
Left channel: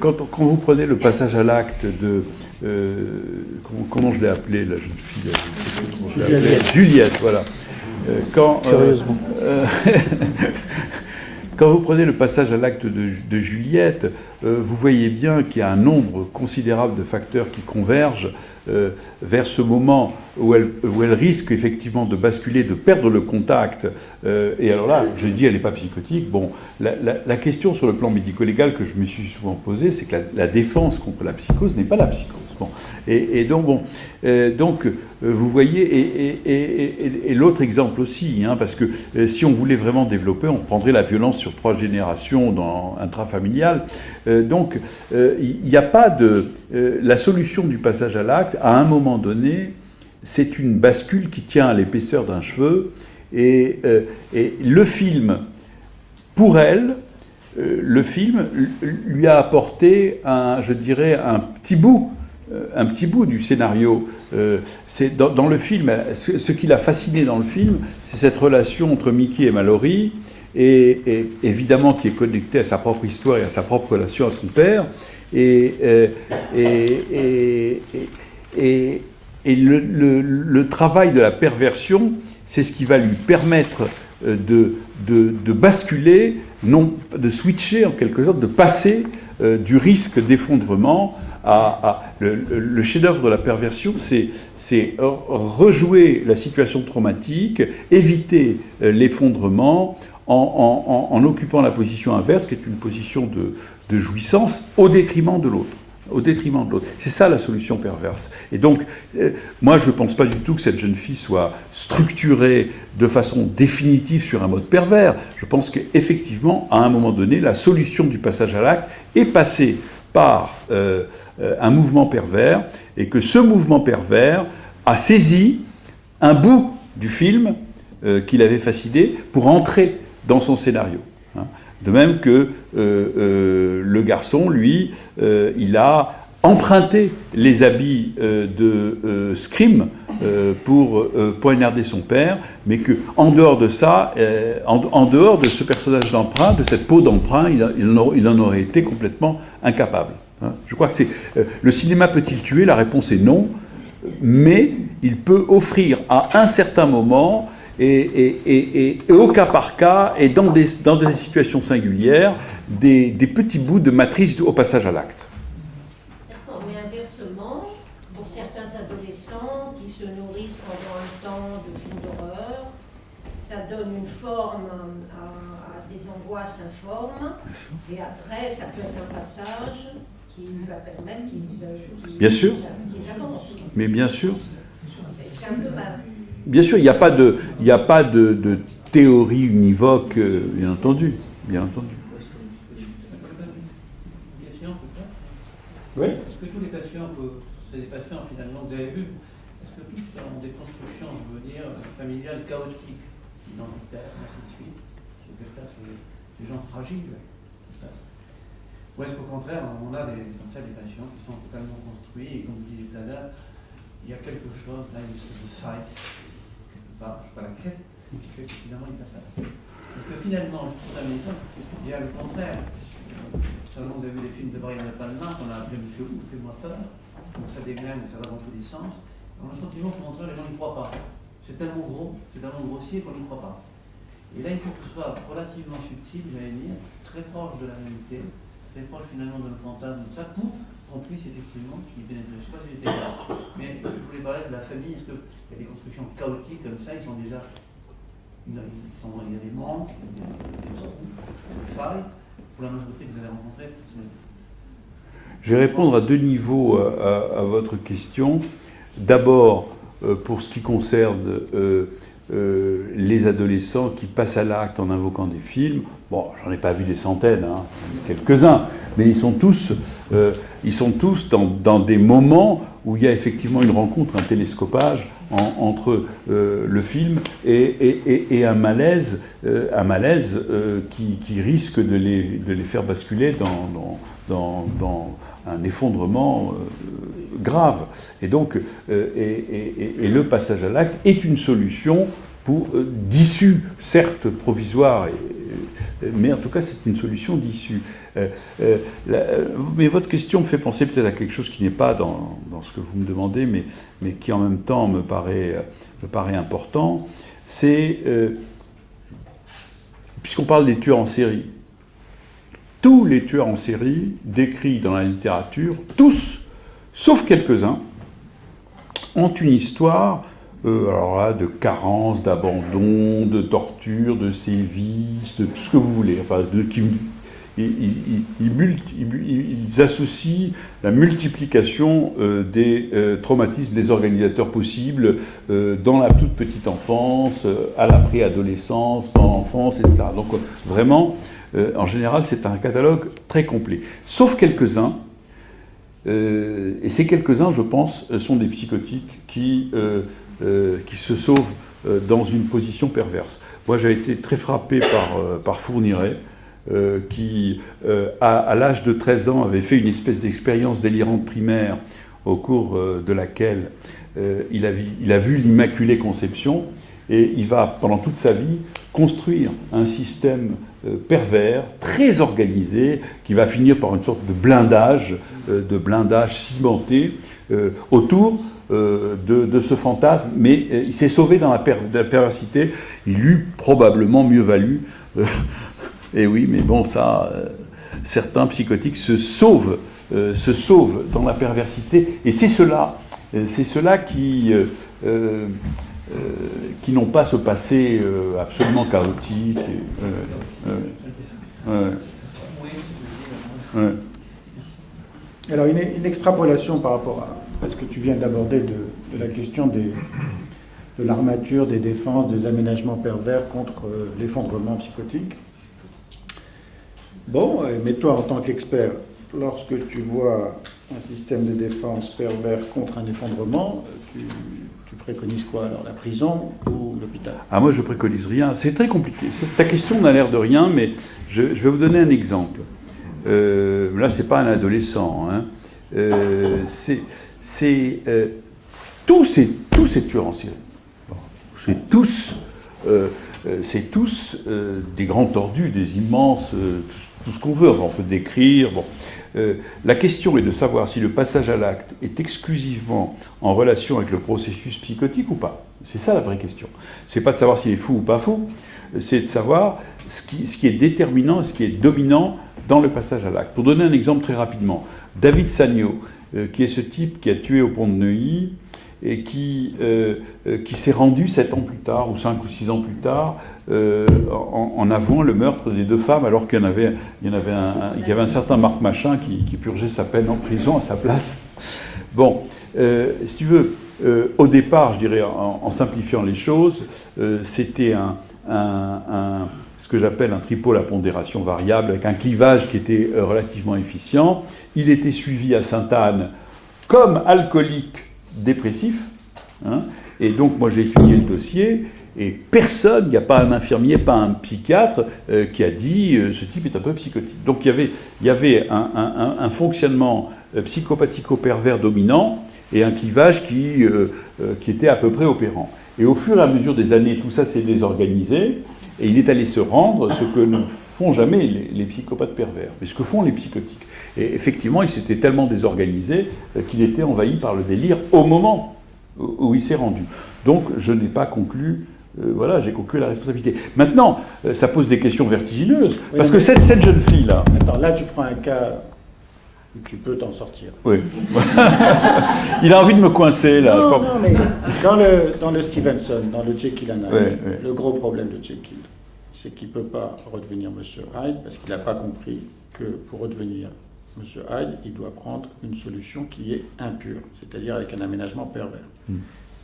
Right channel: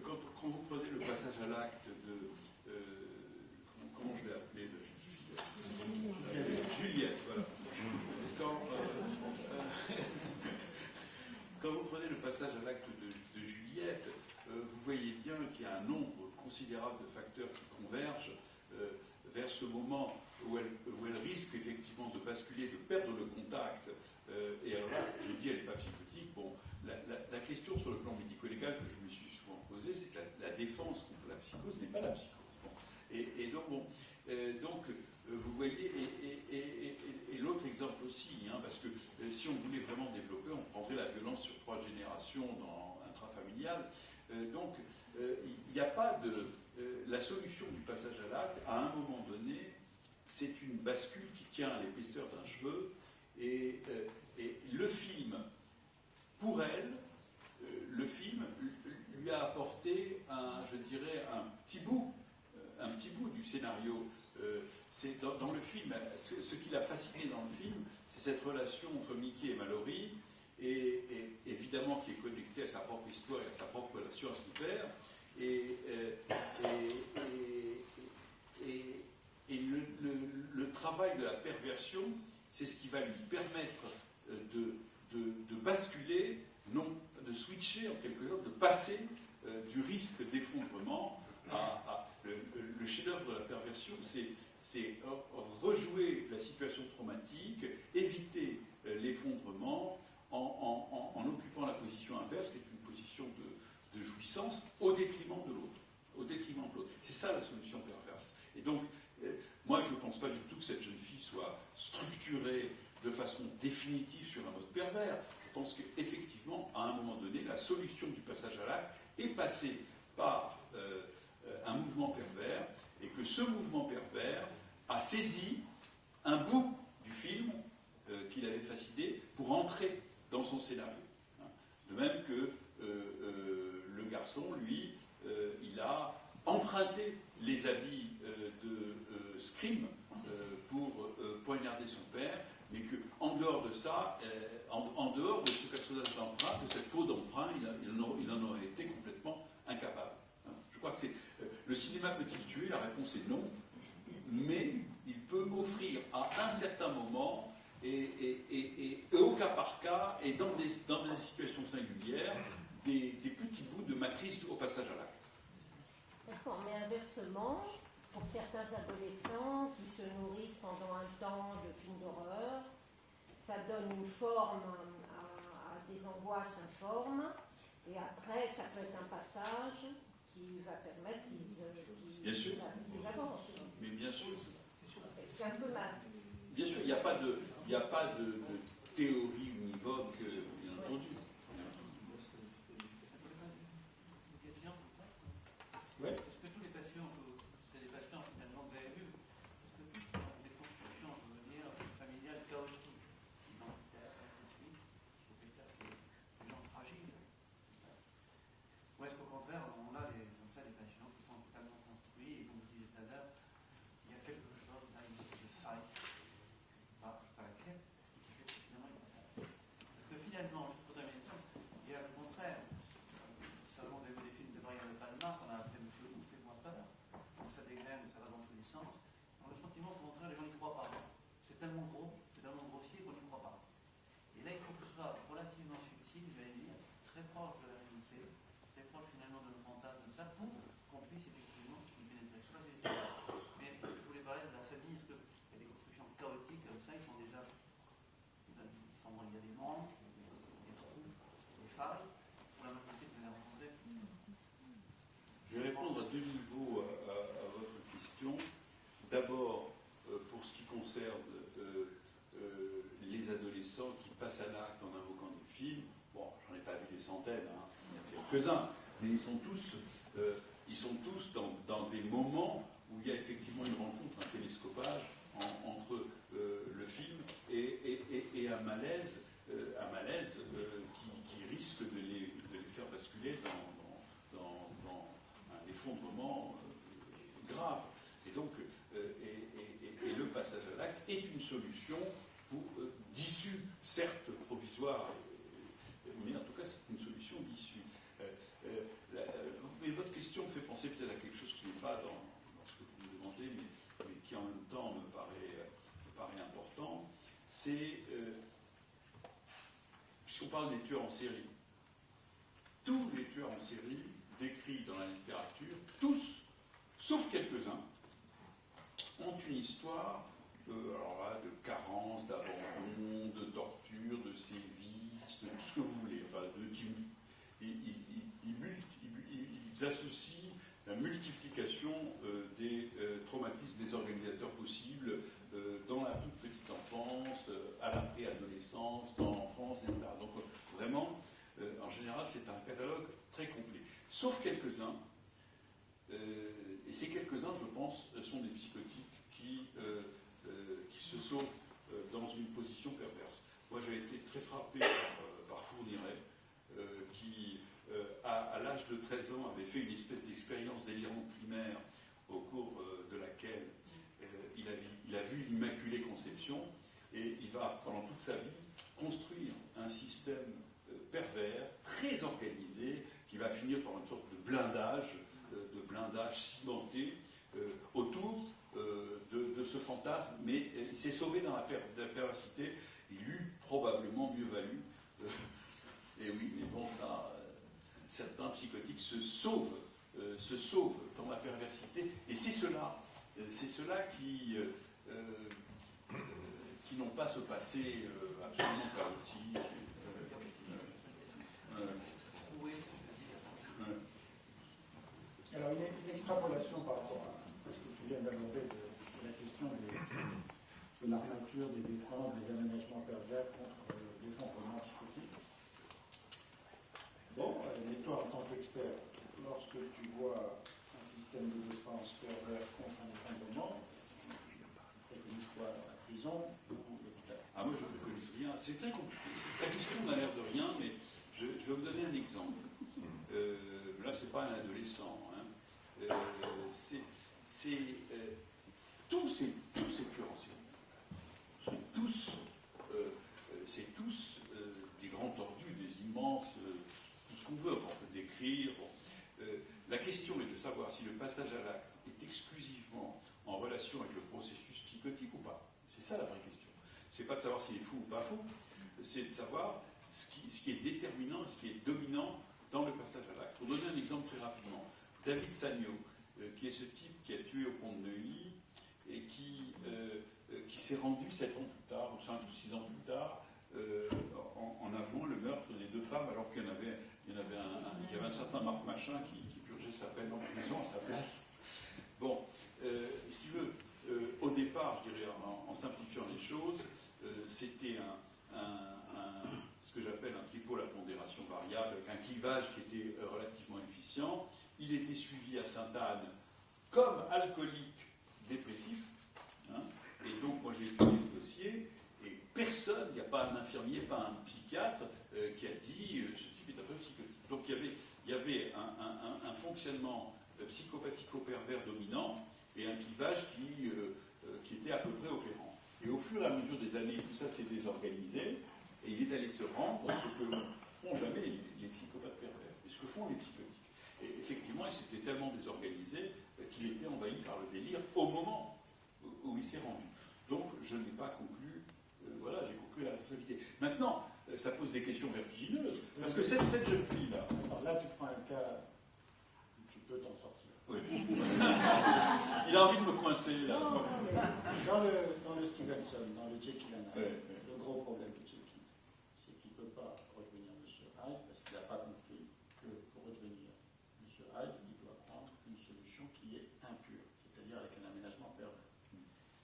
Quand vous prenez le passage à l'acte de... comment je l'ai appelé, la jeune fille, Juliette, voilà. Curieusement. Quand vous prenez le passage à l'acte de Juliette, vous voyez bien qu'il y a un nombre considérable de facteurs qui convergent vers ce moment où elle risque effectivement de basculer, de perdre le contact. Et alors là, je dis, elle n'est pas psychotique. Bon, la question sur le plan médico-légal que je me suis souvent posée, c'est que la défense contre la psychose n'est pas la psychose. Bon. Et donc, vous voyez, et l'autre exemple aussi, hein, parce que si on voulait vraiment développer, on prendrait la violence sur 3 générations intrafamiliales. Donc, il n'y a pas de... la solution du passage à l'acte, à un moment donné, c'est une bascule qui tient à l'épaisseur d'un cheveu. Et le film, pour elle, le film lui a apporté, je dirais, un petit bout du scénario. C'est dans le film, ce qui l'a fasciné dans le film, c'est cette relation entre Mickey et Mallory, et évidemment qui est connectée à sa propre histoire et à sa propre relation à son père. Et le travail de la perversion, c'est ce qui va lui permettre de basculer, non, de switcher en quelque sorte, de passer du risque d'effondrement le chef-d'œuvre de la perversion, c'est rejouer la situation traumatique, éviter l'effondrement en occupant la position inverse, qui est une position de jouissance au détriment de l'autre. C'est ça la solution perverse. Et donc, moi je ne pense pas du tout que cette jeune fille soit structurée de façon définitive sur un mode pervers. Je pense qu'effectivement, à un moment donné, la solution du passage à l'acte est passée par un mouvement pervers, et que ce mouvement pervers a saisi un bout du film qui l'avait fasciné pour entrer dans son scénario. De même que le garçon, lui, il a emprunté les habits de Scream pour poignarder son père, mais qu'en dehors de ça, en dehors de ce personnage d'emprunt, de cette peau d'emprunt, il en aurait été complètement incapable. Je crois que le cinéma peut-il tuer? La réponse est non, mais il peut offrir à un certain moment et au cas par cas et dans des situations singulières des petits bouts de matrice au passage à l'acte. D'accord, mais inversement, pour certains adolescents qui se nourrissent pendant un temps de films d'horreur, ça donne une forme à des voix s'informe, et après, ça peut être un passage qui va permettre Bien sûr. qu'ils avancent. Mais bien sûr. C'est un peu mal. Bien sûr, il n'y a pas de théorie univoque, bien entendu. Bien entendu. Oui. Est-ce que tous les patients, c'est des patients finalement, vous avez vu, est-ce que tous ont des constructions, je veux dire, familiales chaotiques, identitaires, ainsi de suite? Ce que c'est des gens fragiles. Ou est-ce qu'au contraire, on a comme ça des patients qui sont totalement construits, et comme vous disiez tout à l'heure, il y a quelque chose, là, une espèce de faille, quelque part, je ne sais pas laquelle, qui fait que finalement il passe à la tête. Parce que finalement, je trouve ça amusant, il y a le contraire. Seulement, vous avez vu les films de Brian De Palma, qu'on a appelé Monsieur Ouf, fais-moi peur, donc ça déglingue, ça va dans tous les sens. On a le sentiment qu'au contraire, les gens n'y croient pas. C'est tellement gros, c'est tellement grossier qu'on n'y croit pas. Et là, il faut que ce soit relativement subtil, j'allais dire, très proche de la réalité, très proche finalement de le fantasme, tout ça, pour qu'on puisse effectivement y pénétrer. Je ne sais pas si j'étais là, mais je voulais parler de la famille. Est-ce qu'il y a des constructions chaotiques comme ça? Ils sont déjà. Il y a des manques, des trous, des failles. Pour la majorité que vous avez rencontrée. Je vais répondre à deux niveaux à votre question. D'abord, pour ce qui concerne les adolescents qui passent à l'acte en invoquant des films, bon, j'en ai pas vu des centaines, hein, quelques-uns, mais ils sont tous dans des moments où il y a effectivement une rencontre, un télescopage entre le film et un malaise, qui risque de les faire basculer dans un effondrement grave. Et donc, le passage à l'acte est une solution d'issue, certes provisoire, mais en tout cas c'est une solution d'issue. Mais votre question me fait penser peut-être à quelque chose qui n'est pas dans ce que vous me demandez, mais qui en même temps me paraît important. C'est, puisqu'on parle des tueurs en série, tous les tueurs en série décrits dans la littérature, tous, sauf quelques-uns, ont une histoire alors là, de carence, d'abandon, de torture, de sévices, de tout ce que vous voulez. Enfin, ils associent la multiplication des traumatismes des organisateurs possibles dans la toute petite enfance, à la préadolescence, dans l'enfance, etc. Donc vraiment, en général, c'est un catalogue très complet. Sauf quelques-uns, et ces quelques-uns, je pense, sont des psychotiques qui se sauvent dans une position perverse. Moi, j'ai été très frappé par Fourniret, qui, à l'âge de 13 ans, avait fait une espèce d'expérience délirante primaire au cours de laquelle il a vu l'Immaculée Conception, et il va, pendant toute sa vie, construire un système pervers, très organisé, qui va finir par une sorte de blindage cimenté autour de ce fantasme, mais il s'est sauvé dans la perversité. Il eût probablement mieux valu, et oui, mais bon, ça, certains psychotiques se sauvent dans la perversité, et c'est ceux-là qui n'ont pas ce passé absolument chaotique. Alors, une extrapolation par rapport à ce que tu viens d'aborder de la question de l'armature, des défenses, des aménagements pervers contre l'effondrement psychotique. Bon, mais toi, en tant qu'expert, lorsque tu vois un système de défense pervers contre un effondrement, tu préconises quoi alors, la prison ou l'hôpital? Ah, moi, je préconise rien. C'est très compliqué. Ta question n'a l'air de rien, mais je vais vous donner un exemple. Là, c'est pas un adolescent. Hein. Tous ces tueurs en série. Bon, c'est tous des grands tordus, des immenses, tout ce qu'on veut. On peut décrire. Bon. La question est de savoir si le passage à l'acte est exclusivement en relation avec le processus psychotique ou pas. C'est ça la vraie question. C'est pas de savoir s'il est fou ou pas fou, c'est de savoir ce qui est déterminant, ce qui est dominant dans le passage à l'acte. Pour donner un exemple très rapidement, David Sagnaw, qui est ce type qui a tué au pont de Neuilly et qui s'est rendu 7 ans plus tard, ou 5 ou 6 ans plus tard, en avouant le meurtre des 2 femmes, alors qu'il y avait un certain Marc Machin qui purgeait sa peine en prison à sa place. Bon, si tu veux, au départ, je dirais, en simplifiant les choses, c'était ce que j'appelle un tripôle à pondération variable, avec un clivage qui était relativement efficient. Il était suivi à Sainte-Anne comme alcoolique dépressif, hein, et donc moi j'ai étudié le dossier, et personne, il n'y a pas un infirmier, pas un psychiatre qui a dit ce type est un peu psychotique. Donc il y avait un fonctionnement psychopathico-pervers dominant et un clivage qui était à peu près opérant. Et au fur et à mesure des années, tout ça s'est désorganisé, et il est allé se rendre ce que ne font jamais les psychopathes pervers, mais ce que font les psychotiques. Et effectivement, il s'était tellement désorganisé qu'il était envahi par le délire au moment où il s'est rendu. Donc je n'ai pas conclu, voilà, j'ai conclu la responsabilité. Maintenant, ça pose des questions vertigineuses, Oui, parce que cette jeune fille-là... Attends, là tu prends un cas où tu peux t'en sortir. Oui. Il a envie de me coincer, là. Non, mais dans le Stevenson, dans le Jekyll and Hyde, le gros problème de Jekyll, c'est qu'il ne peut pas redevenir Monsieur Hyde, parce qu'il n'a pas compris que pour redevenir Monsieur Hyde, il doit prendre une solution qui est impure, c'est-à-dire avec un aménagement pervers.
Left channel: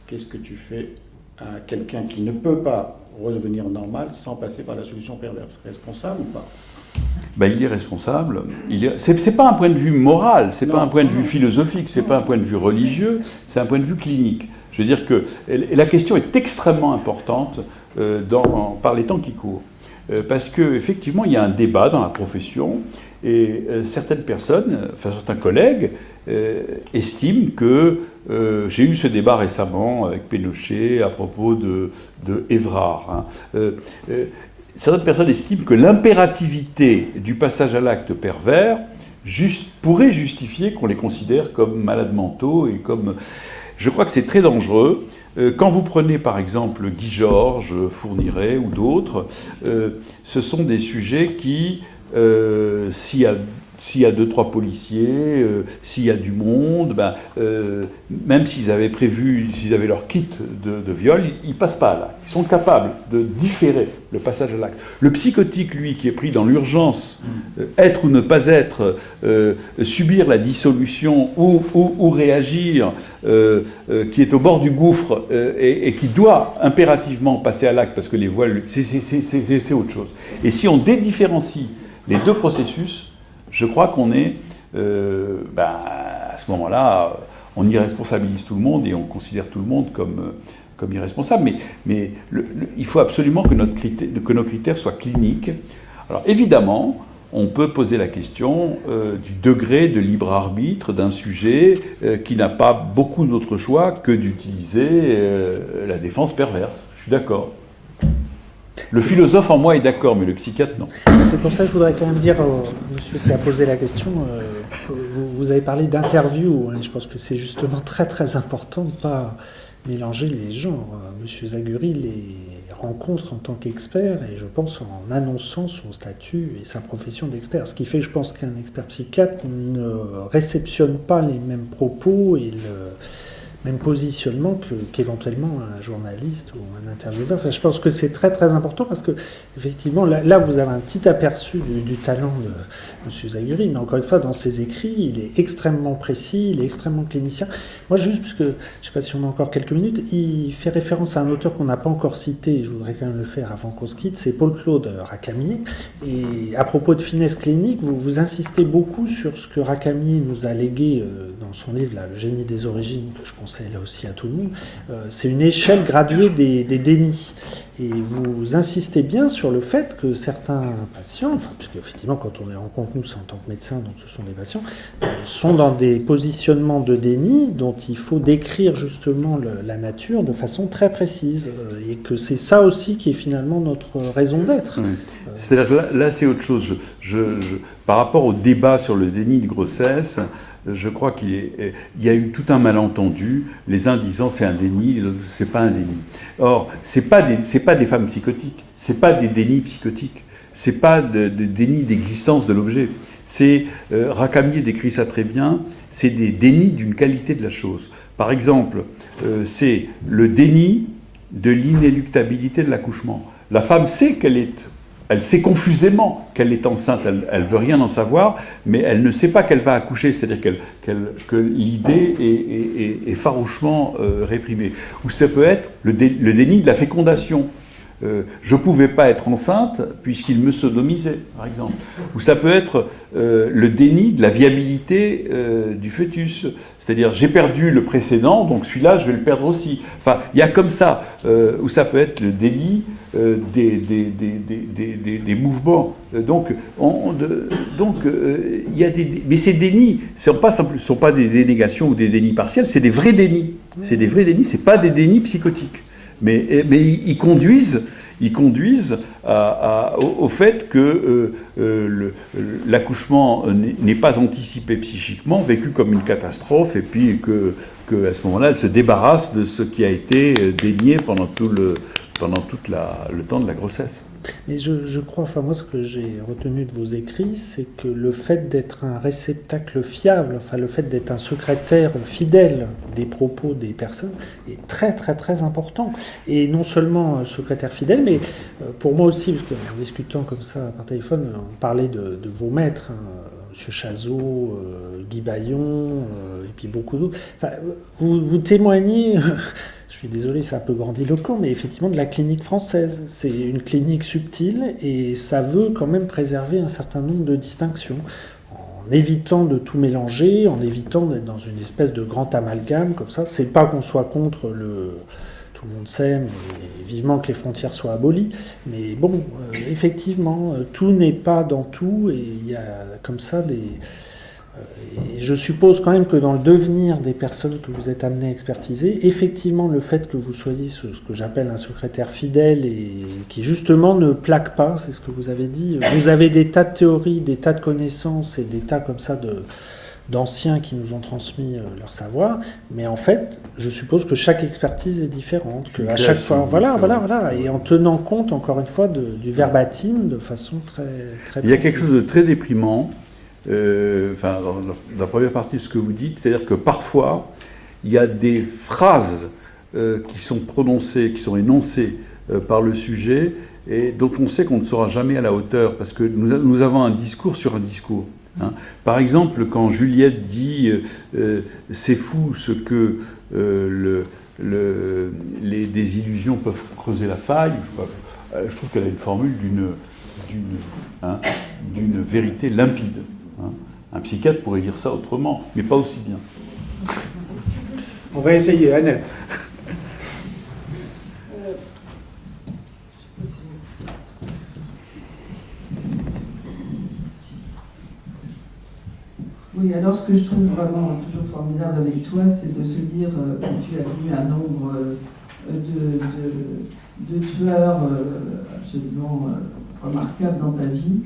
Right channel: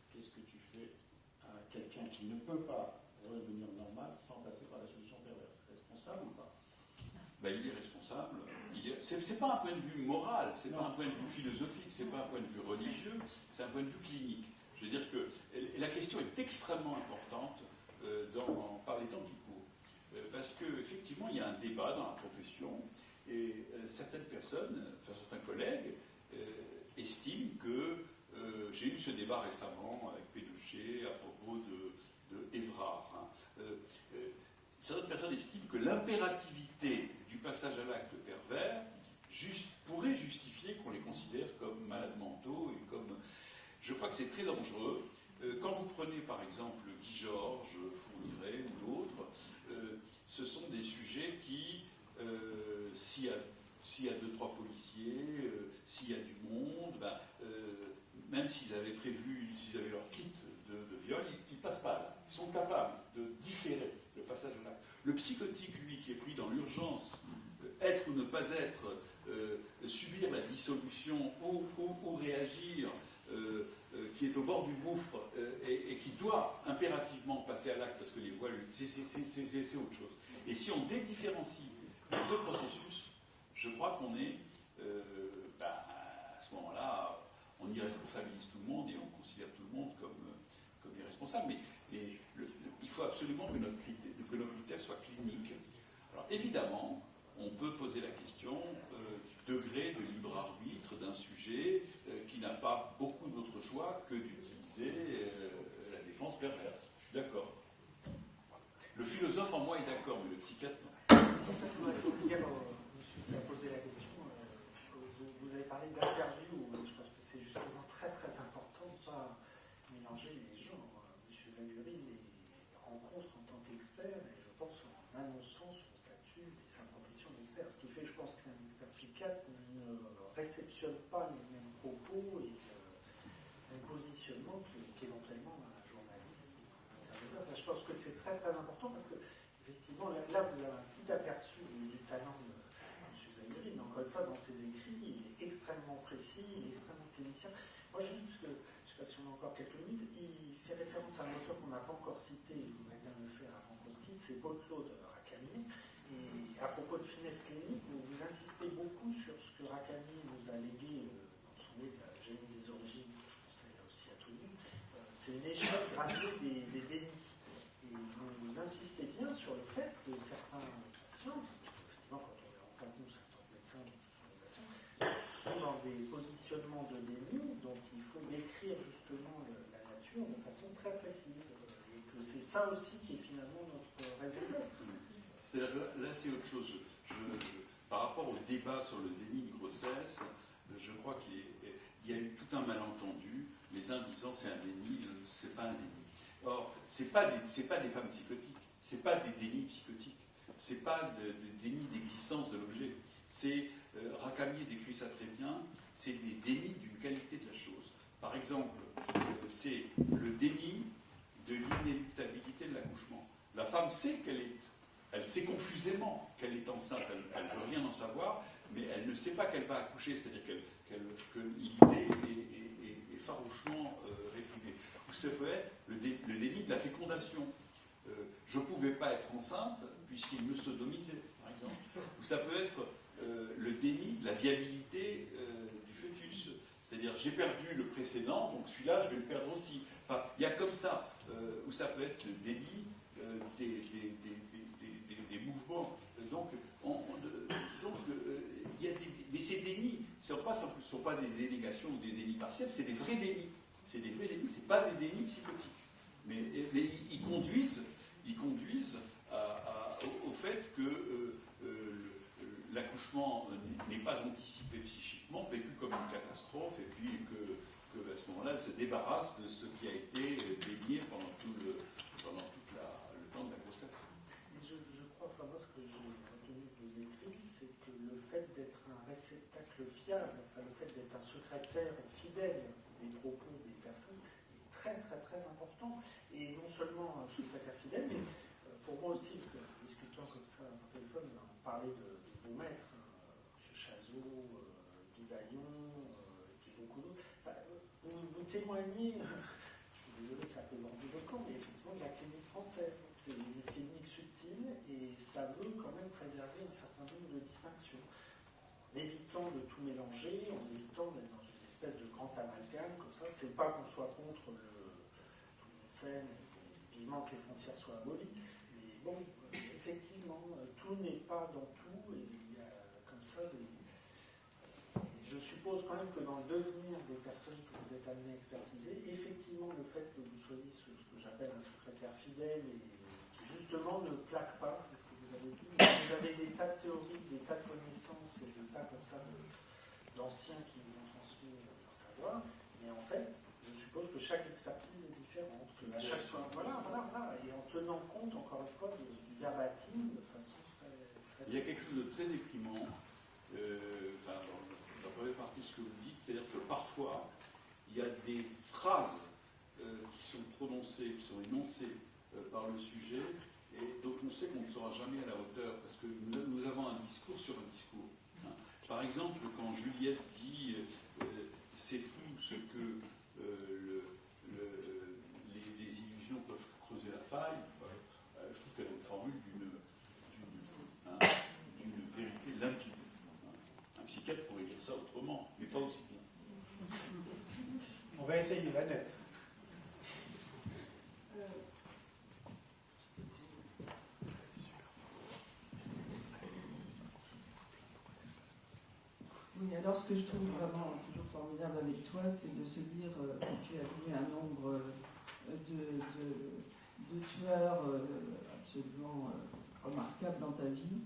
Qu'est-ce que tu fais à quelqu'un qui ne peut pas redevenir normal sans passer par la solution perverse? Responsable ou pas? Ben, il est responsable. C'est pas un point de vue moral, c'est pas un point de vue philosophique, c'est pas un point de vue religieux, c'est un point de vue clinique. Je veux dire que la question est extrêmement importante par les temps qui courent. Parce qu'effectivement, il y a un débat dans la profession et certaines personnes, enfin certains collègues, estiment que j'ai eu ce débat récemment avec Pénochet à propos de Évrard. Certaines personnes estiment que l'impérativité du passage à l'acte pervers pourrait justifier qu'on les considère comme malades mentaux et comme... Je crois que c'est très dangereux. Quand vous prenez par exemple Guy Georges, Fourniret ou d'autres, ce sont des sujets qui, s'il y a 2-3 policiers, s'il y a du monde, même s'ils avaient prévu, s'ils avaient leur kit de viol, ils ne passent pas à l'acte. Ils sont capables de différer le passage à l'acte. Le psychotique, lui, qui est pris dans l'urgence, être ou ne pas être, subir la dissolution ou réagir, qui est au bord du gouffre et qui doit impérativement passer à l'acte parce que les voiles, c'est autre chose. Et si on dédifférencie les 2 processus, je crois qu'on est, à ce moment-là, on irresponsabilise tout le monde et on considère tout le monde comme irresponsable. Mais il faut absolument que nos critères soient cliniques. Alors évidemment, on peut poser la question du degré de libre arbitre d'un sujet qui n'a pas beaucoup d'autre choix que d'utiliser la défense perverse. Je suis d'accord. Le philosophe en moi est d'accord, mais le psychiatre, non. C'est pour ça que je voudrais quand même dire au monsieur qui a posé la question, vous avez parlé d'interview, hein, je pense que c'est justement très très important de ne pas mélanger les genres. Monsieur Zaguri les rencontre en tant qu'expert, et je pense en annonçant son statut et sa profession d'expert. Ce qui fait, je pense, qu'un expert psychiatre ne réceptionne pas les mêmes propos et le même positionnement qu'éventuellement un journaliste ou un intervieweur. Enfin, je pense que c'est très très important parce que effectivement là vous avez un petit aperçu du talent de M. Zaguri, mais encore une fois dans ses écrits il est extrêmement précis, il est extrêmement clinicien. Moi juste parce que je ne sais pas si on a encore quelques minutes, il fait référence à un auteur qu'on n'a pas encore cité, et je voudrais quand même le faire avant qu'on se quitte, c'est Paul-Claude Racamier. Et à propos de finesse clinique, vous insistez beaucoup sur ce que Racamier nous a légué dans son livre là, Le génie des origines, que je conseille là aussi à tout le monde. C'est une échelle graduée des dénis. Et vous insistez bien sur le fait que certains patients, puisque effectivement quand on les rencontre, nous c'est en tant que médecin, donc ce sont des patients, sont dans des positionnements de déni dont il faut décrire justement la nature de façon très précise. Et que c'est ça aussi qui est finalement notre raison d'être. Oui. C'est-à-dire que là c'est autre chose. Par rapport au débat sur le déni de grossesse, je crois qu'il y a eu tout un malentendu, les uns disant c'est un déni, les autres c'est pas un déni. Or, c'est pas des femmes psychotiques, c'est pas des dénis psychotiques. c'est pas de déni d'existence de l'objet. C'est, Racamier décrit ça très bien, c'est des dénis d'une qualité de la chose. Par exemple, c'est le déni de l'inéluctabilité de l'accouchement. La femme sait elle sait confusément qu'elle est enceinte, elle veut rien en savoir, mais elle ne sait pas qu'elle va accoucher, c'est-à-dire que l'idée est farouchement réprimée. Ou ça peut être le déni de la fécondation. Je ne pouvais pas être enceinte puisqu'il me sodomisait, par exemple. Ou ça peut être le déni de la viabilité du fœtus. C'est-à-dire, j'ai perdu le précédent, donc celui-là, je vais le perdre aussi. Enfin, il y a comme ça, où ça peut être le déni des mouvements. Donc, il y a mais ces dénis ne sont pas des dénégations ou des dénis partiels, c'est des vrais dénis. C'est des vrais dénis, ce n'est pas des dénis psychotiques. Mais ils conduisent au fait que l'accouchement n'est pas anticipé psychiquement, vécu comme une catastrophe, et puis qu'à ce moment-là, elle se débarrasse de ce qui a été dénié pendant tout le temps de la grossesse. Mais je crois, enfin moi ce que j'ai retenu de vos écrits, c'est que le fait d'être un réceptacle fiable, enfin le fait d'être un secrétaire fidèle des propos des personnes est très très très important. Et non seulement secrétaire fidèle, mais pour moi aussi, parce qu'en discutant comme ça par téléphone, on parlait de vos maîtres, M. Chazot, Guy Baillon, et puis beaucoup d'autres. Enfin, vous témoignez... Je suis désolé, c'est un peu grandiloquent, mais effectivement de la clinique française. C'est une clinique subtile et ça veut quand même préserver un certain nombre de distinctions, en évitant de tout mélanger, en évitant d'être dans une espèce de grand amalgame comme ça. C'est pas qu'on soit contre tout le monde s'aime et vivement que les frontières soient abolies, mais bon, effectivement, tout n'est pas dans tout et il y a comme ça des... Et je suppose quand même que dans le devenir des personnes que vous êtes amenés à expertiser, effectivement, le fait que vous soyez ce que j'appelle un secrétaire fidèle et qui justement ne plaque pas, c'est ce que vous avez dit. Vous avez des tas de théories, des tas de connaissances et des tas comme ça d'anciens qui nous ont transmis leur savoir, mais en fait, je suppose que chaque expertise est différente, que à chaque fois, voilà, et en tenant compte encore une fois du verbatim de façon très très précise. Il y a quelque chose de très déprimant. Dans la première partie de ce que vous dites, c'est-à-dire que parfois, il y a des phrases qui sont prononcées, qui sont énoncées par le sujet, et dont on sait qu'on ne sera jamais à la hauteur, parce que nous avons un discours sur un discours. Hein. Par exemple, quand Juliette dit « c'est fou ce que les désillusions peuvent creuser la faille », je trouve qu'elle a une formule d'une vérité limpide. Un psychiatre pourrait dire ça autrement, mais pas aussi bien. On va essayer, Annette. Oui, alors ce que je trouve vraiment toujours formidable avec toi, c'est de se dire que tu as vu un nombre de tueurs absolument remarquables dans ta vie,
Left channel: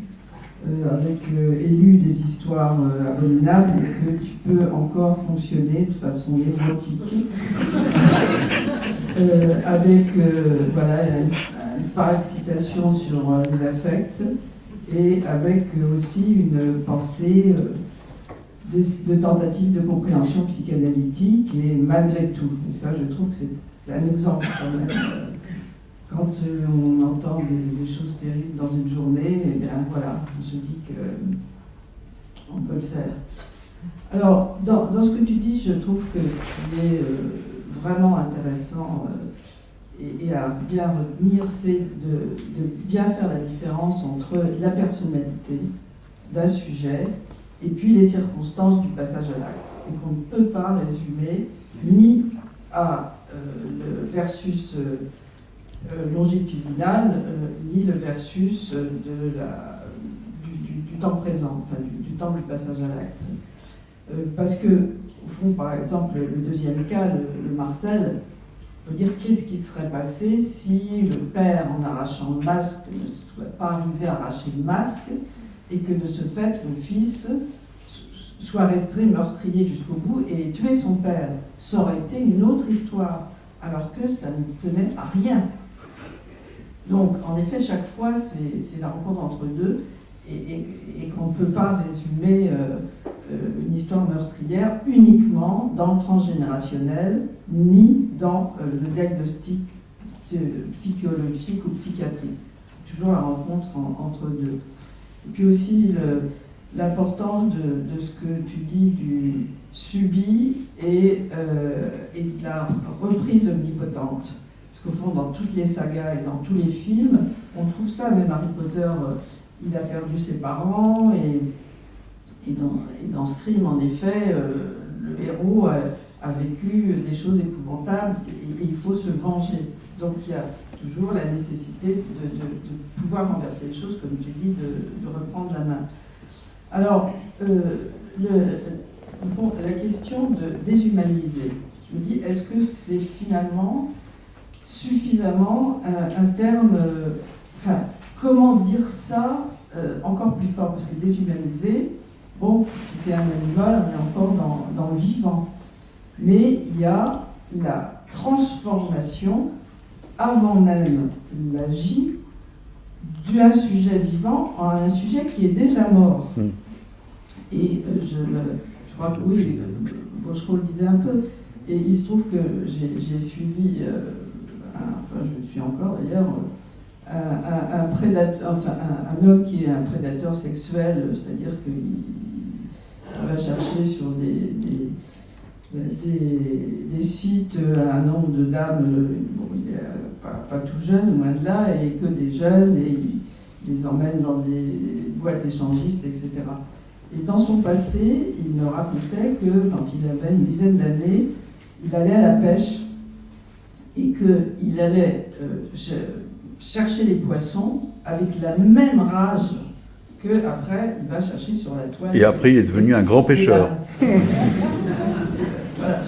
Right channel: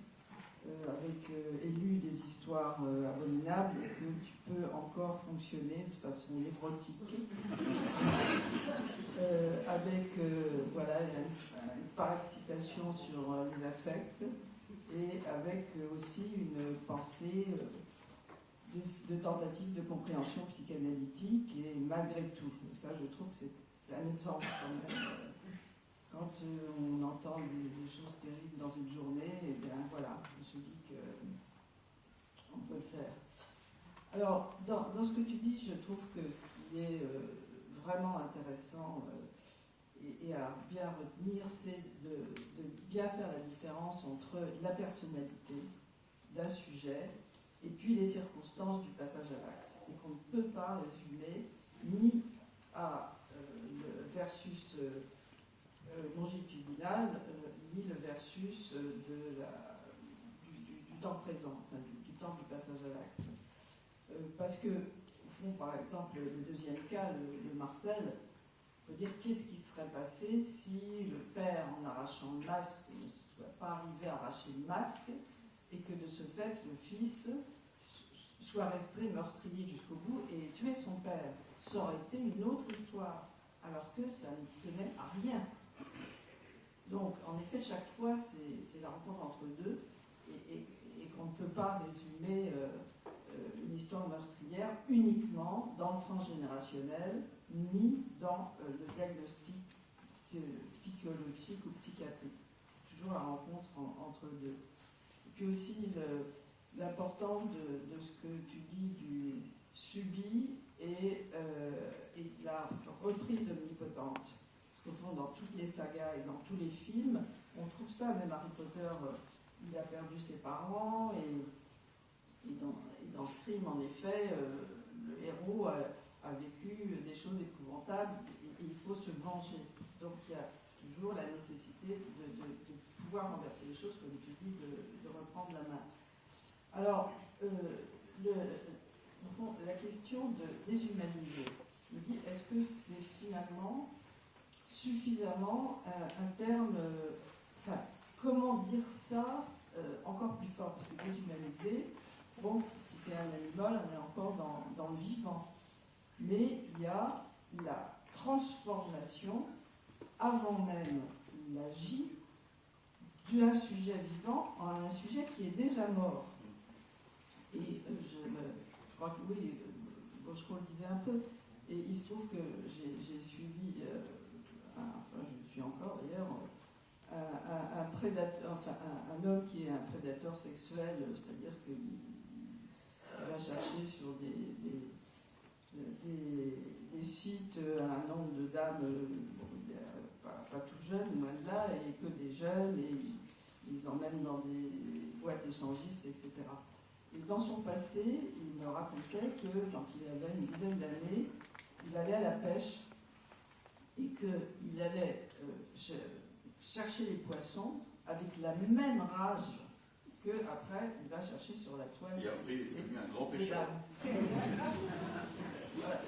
avec élu des histoires abominables, et que tu peux encore fonctionner de façon névrotique, avec une parexcitation sur les affects, et avec aussi une pensée de tentative de compréhension psychanalytique, et malgré tout. Et ça, je trouve que c'est un exemple quand même. Quand on entend des choses terribles dans une journée, eh bien voilà, on se dit qu'on peut le faire. Alors, dans ce que tu dis, je trouve que ce qui est vraiment intéressant et à bien retenir, c'est de bien faire la différence entre la personnalité d'un sujet et puis les circonstances du passage à l'acte. Et qu'on ne peut pas résumer ni à le versus longitudinal, ni le versus du temps présent, enfin du temps du passage à l'acte. Parce que, au fond, par exemple, le deuxième cas, le Marcel, on peut dire qu'est-ce qui serait passé si le père, en arrachant le masque, ne soit pas arrivé à arracher le masque, et que de ce fait, le fils soit resté meurtrier jusqu'au bout et tuer son père. Ça aurait été une autre histoire, alors que ça ne tenait à rien. Donc, en effet, chaque fois, c'est la rencontre entre deux, et qu'on ne peut pas résumer une histoire meurtrière uniquement dans le transgénérationnel, ni dans le diagnostic psychologique ou psychiatrique. C'est toujours la rencontre entre deux. Et puis aussi l'importance de ce que tu dis du subi et de la reprise omnipotente. Parce qu'au fond, dans toutes les sagas et dans tous les films, on trouve ça. Même Harry Potter, il a perdu ses parents, et dans Scream, en effet, le héros a vécu des choses épouvantables, et il faut se venger. Donc il y a toujours la nécessité de pouvoir renverser les choses, comme tu dis, de reprendre la main. Alors, au fond, la question de déshumaniser, je me dis, est-ce que c'est finalement suffisamment un terme, enfin, comment dire ça encore plus fort, parce que déshumaniser, bon, si c'est un animal, on est encore dans le vivant. Mais il y a la transformation, avant même l'agit, d'un sujet vivant en un sujet qui est déjà mort. Et je crois que oui, Bauchereau le disait un peu, et il se trouve que j'ai suivi, enfin je le suis encore d'ailleurs, un prédateur, enfin un homme qui est un prédateur sexuel, c'est-à-dire qu'il va chercher sur des sites un nombre de dames, bon, il est pas tout jeune, loin de là, et que des jeunes, et il les emmène dans des boîtes échangistes, etc. Et dans son passé, il me racontait que quand il avait une dizaine d'années, il allait à la pêche et qu'il allait chercher les poissons avec la même rage qu'après il va chercher sur la toile. Et après, il est devenu un grand pêcheur. Voilà.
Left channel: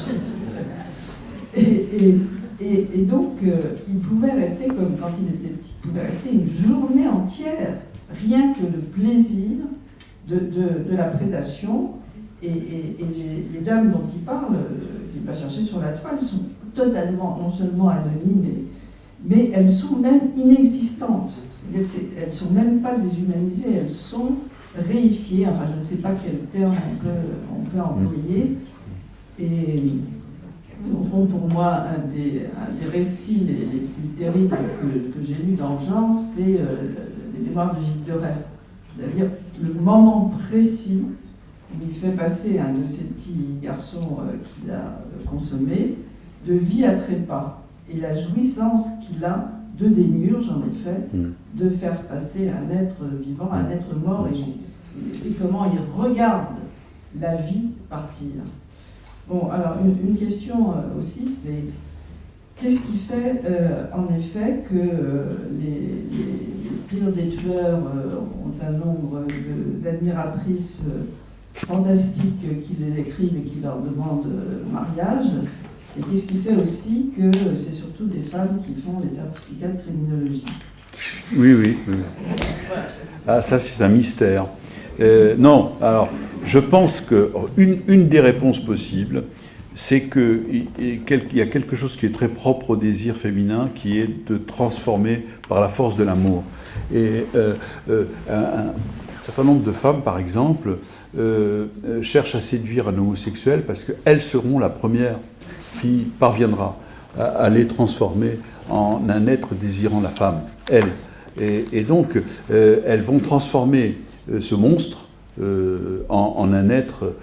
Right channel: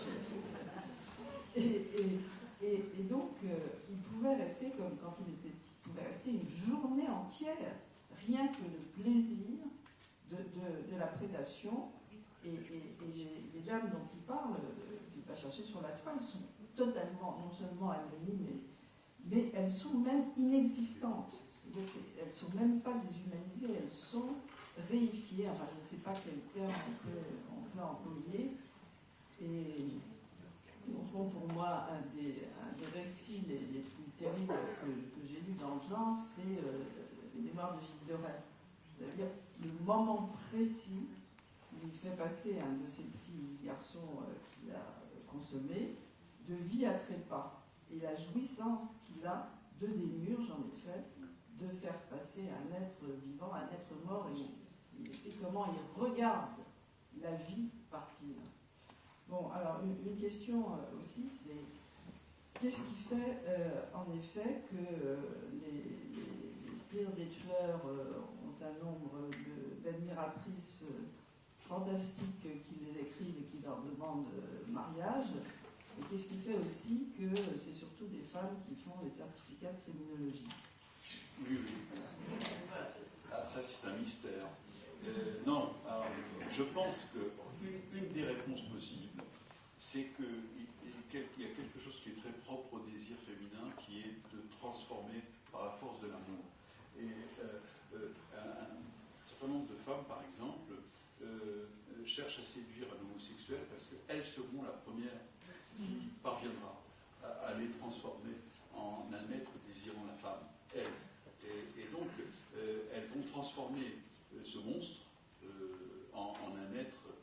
Et donc, il pouvait rester, comme quand il était petit, il pouvait rester une journée entière, rien que le plaisir de la prédation. Et les dames dont il parle, qu'il va chercher sur la toile, sont totalement, non seulement anonymes, mais elles sont même inexistantes. Elles ne sont même pas déshumanisées, elles sont réifiées. Enfin, je ne sais pas quel terme on peut employer. Et au fond, pour moi, un des récits les plus terribles que j'ai lus dans le genre, c'est les mémoires de Gilles de Rais. C'est-à-dire le moment précis où il fait passer un de ces petits garçons qu'il a consommé de vie à trépas. Et la jouissance qu'il a de démiurge, en effet, de faire passer un être vivant, un être mort, et comment il regarde la vie partir. Bon, alors une question aussi, c'est qu'est-ce qui fait en effet que les pires des tueurs ont un nombre d'admiratrices fantastiques qui les écrivent et qui leur demandent mariage, et qu'est-ce qui fait aussi que c'est surtout des femmes qui font les certificats de criminologie? Oui. Ah, ça c'est un mystère. Non, alors, je pense qu'une des réponses possibles, c'est qu'il y a quelque chose qui est très propre au désir féminin, qui est de transformer par la force de l'amour. Et un certain nombre de femmes, par exemple, cherchent à séduire un homosexuel parce qu'elles seront la première qui parviendra à les transformer en un être désirant la femme, elles. Et donc, elles vont transformer ce monstre en un être